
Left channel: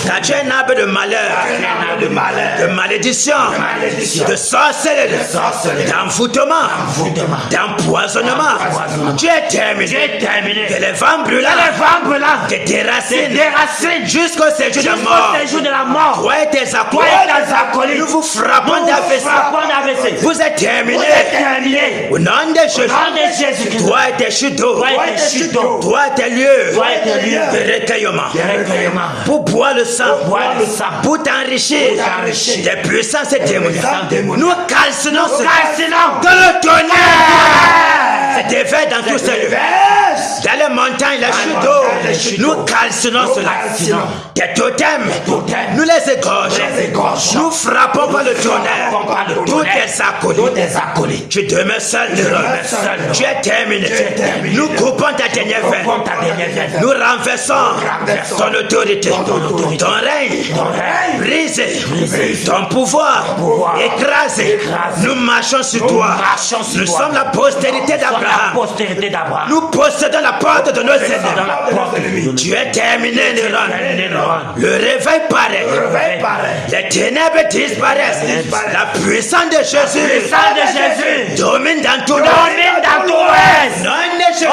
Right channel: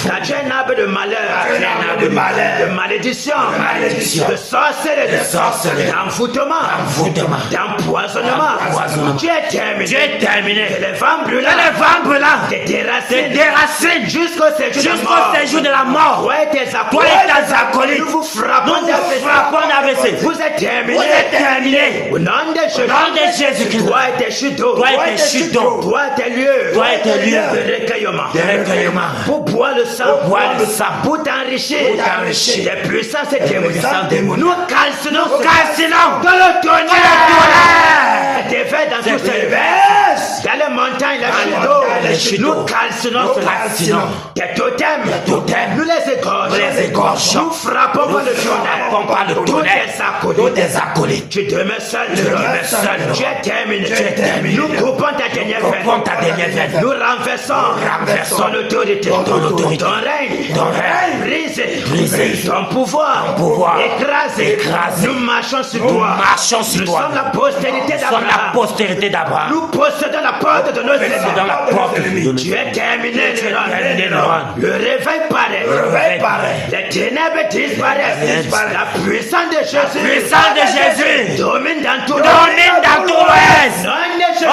Car tu es un arbre de malheur, de malédiction, de sorcellerie, d'envoûtement, d'empoisonnement. Tu es terminé. Que les vents brûlants te déracines jusqu'au séjour de la mort. Toi et tes acolytes, nous vous frappons d'AVC. Vous êtes terminés. Au nom de Jésus. Toi et tes chutes d'eau. Toi et tes lieux de recueillement. Pour boire le sang. Pour t'enrichir des puissances démoniaques. Nous calcinons dans le tonnerre. C'est effet dans tous ces lieux. Dans les montagnes, la chute d'eau. Nous calcinons cela. Tes totems, nous les égorgeons. Nous frappons par le tonnerre. Tous tes acolytes. Tu demeures seul. Tu es terminé. Nous coupons ta dernière veine. Nous renversons son autorité. Ton règne brisé. Ton pouvoir écrasé. Nous marchons sur toi. Nous sommes la postérité d'Abraham. Nous possédons la porte de nos ennemis. Tu es terminé, Néron. Le réveil paraît. Les ténèbres disparaissent. La puissance de Jésus domine dans tout le reste. Nom de Jésus.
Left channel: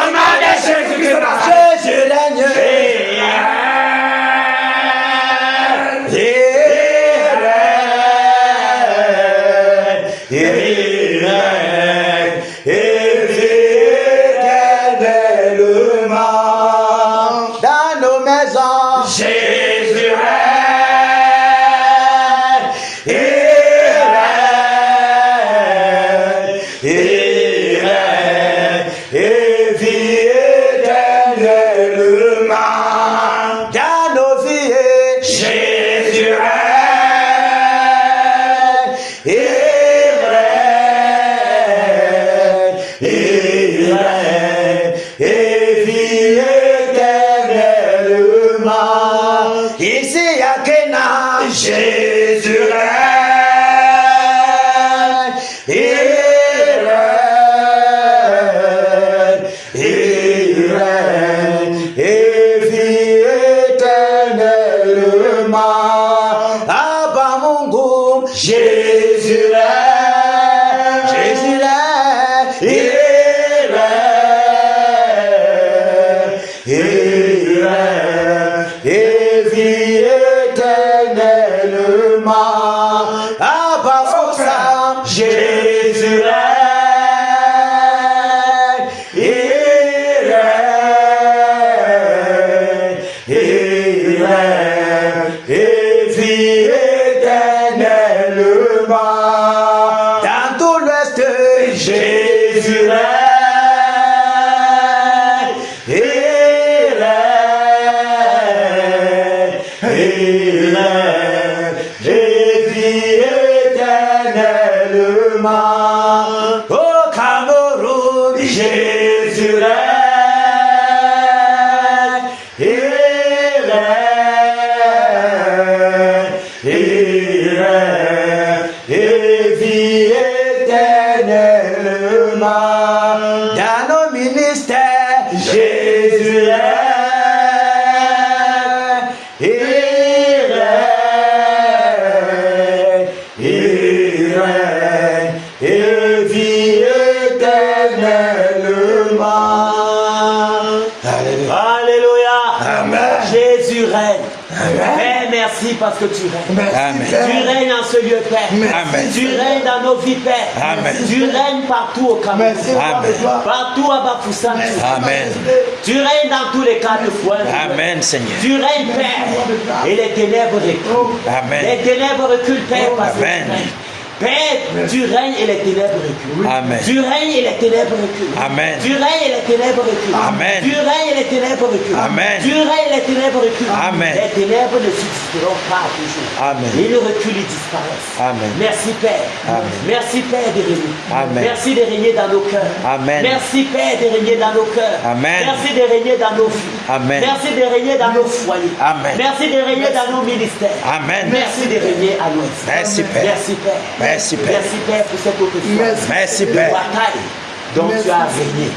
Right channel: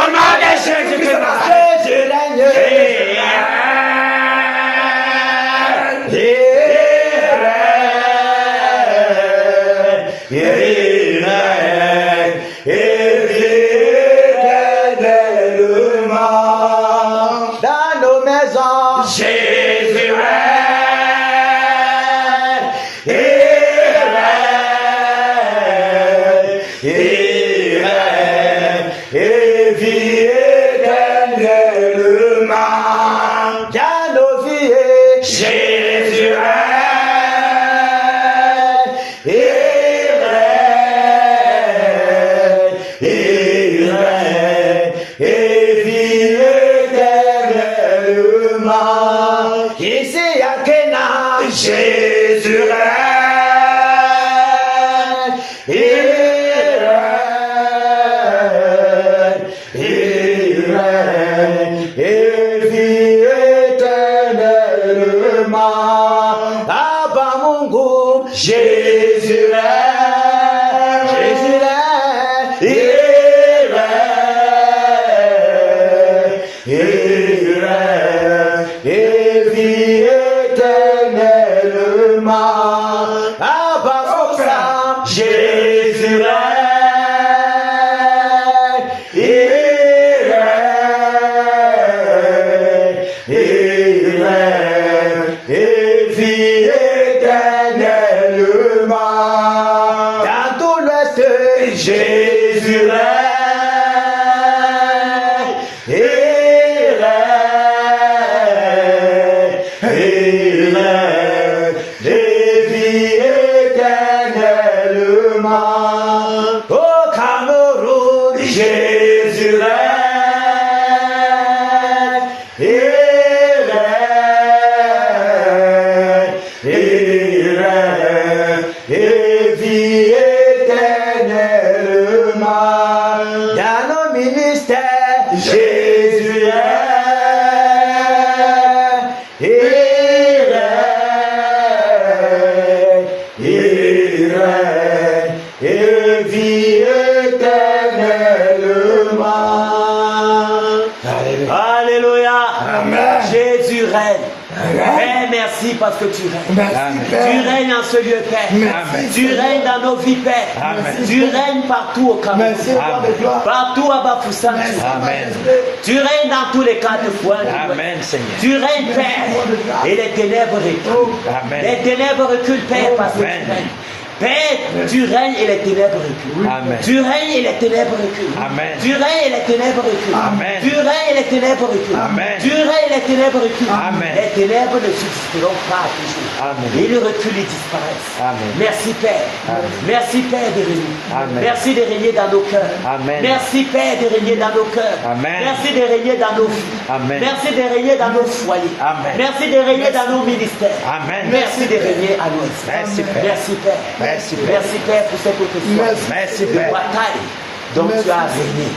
Jésus règne. Et vie éternellement. il règne et vit éternellement. Au Cameroun, Jésus règne, il règne et vit éternellement. Dans nos ministères, Jésus règne, il règne et vit éternellement. Alléluia. Amen. Jésus règne. Père, merci parce que tu règnes. Merci, Tu règnes en ce lieu, Père. Merci. Tu règnes dans nos vies, Père. Amen. Tu règnes partout au Cameroun. Merci, roi de gloire. Partout à Bafoussam. Amen. Tu règnes dans tous les quatre coins. Amen, Seigneur. Tu règnes, Père. Et les ténèbres reculent. Amen. Les ténèbres reculent, Père, parce que tu Amen. règnes. Père, tu règnes et les ténèbres reculent. Amen. Tu règnes et les ténèbres reculent. Amen. Tu règnes et les ténèbres reculent. Amen. Tu règnes et les ténèbres reculent. Amen. Tu règnes et les ténèbres reculent. Amen. Les ténèbres ne subsisteront pas toujours. Amen. Ils reculent et disparaissent. Amen. Merci Père. Amen. Merci Père de régner. Amen. Merci de régner dans nos cœurs. Amen. Merci Père de régner dans nos cœurs. Amen. Merci de régner dans nos vies. Amen. Merci de régner dans nos foyers. Amen. Merci de régner dans nos ministères. Amen. Merci de régner à nous. Merci, Père. Merci Père. Merci, Père. Merci Père pour cette autre Merci, de Père. bataille dont Merci. tu as régné.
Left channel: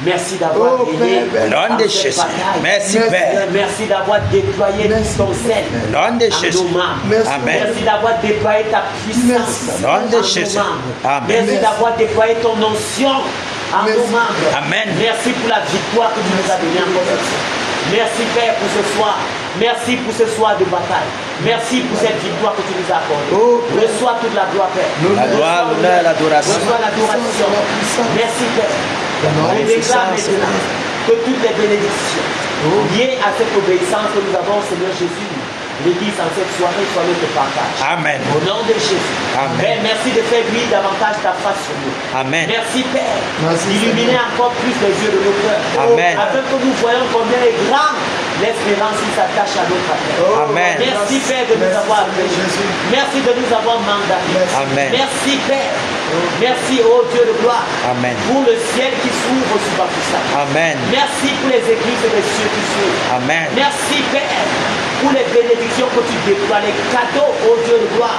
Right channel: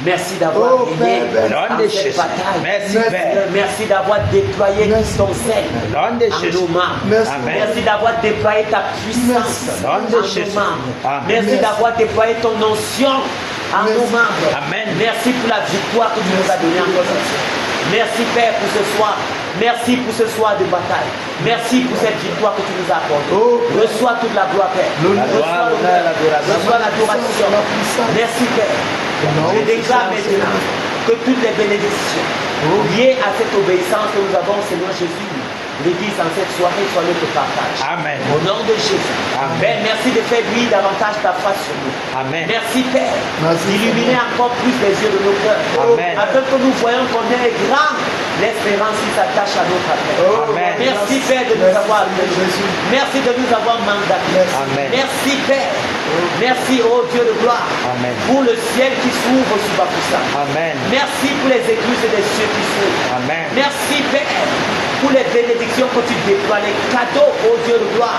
Merci d'avoir Oh, régné Père, dans nom de cette Jésus. bataille. Merci, Père. Merci d'avoir déployé Merci. ton zèle Nom de en Jésus. nos membres. Merci. Merci Amen. d'avoir déployé ta puissance Nom en de nos Jésus. membres. Amen. Merci d'avoir déployé ton onction en Merci. nos membres. Amen. Merci pour la victoire que tu nous as donnée encore ce soir. Merci Père pour ce soir. Merci pour ce soir de bataille. Merci pour cette victoire que tu nous as accordée. Oh, Père. Reçois toute la gloire, Père. L'honneur, Reçois l'honneur, l'adoration. Reçois l'adoration. La puissance. Merci Père. nom Je de déclare Jésus. maintenant que toutes les bénédictions Oh. liées à cette obéissance que nous avons au Seigneur Jésus, l'Église en cette soirée soit notre partage. Amen. Au nom de Jésus. Amen. Père, merci de faire briller davantage ta face sur nous. Amen. Merci Père. Merci, Illuminer Seigneur. encore plus les yeux de nos cœurs. Amen. Afin que nous voyons combien est grande l'espérance qui s'attache à notre appel. Amen. Merci Père de nous Merci, avoir Seigneur appelés. Jésus. Merci de nous avoir mandatés. Amen. Merci Père. Merci ô Dieu de gloire. Amen. Pour le ciel qui s'ouvre sur Bafoussam. Amen. Merci pour les églises et les cieux qui s'ouvrent. Amen. Merci Père pour les bénédictions que tu déploies, les cadeaux ô Dieu de gloire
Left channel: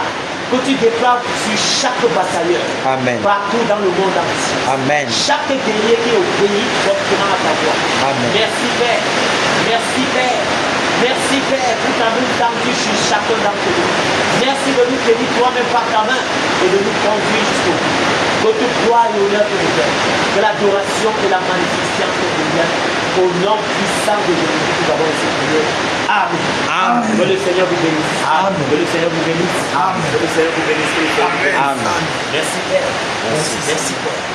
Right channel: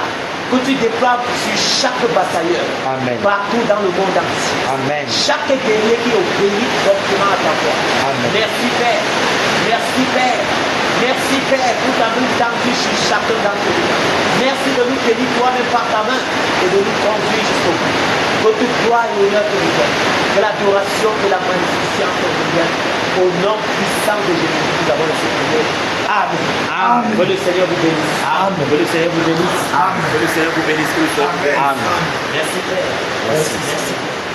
que tu déploies sur chaque batailleur. Amen. Partout dans le monde entier. Amen. Chaque guerrier qui obéit directement à ta voix. Amen. Merci Père. Merci Père. Merci Père pour ta main tendue sur chacun d'entre nous. Merci de nous tenir toi-même par ta main et de nous conduire jusqu'au bout. Que toute gloire et honneur te reviennent. Que l'adoration, que la magnificence te revienne. Au nom puissant de Jésus, nous avons exprimé. Amen. Amen. Que le Seigneur vous bénisse. Amen. Que le Seigneur vous bénisse. Amen. Que le Seigneur vous bénisse. Amen. Merci Père. Merci Père.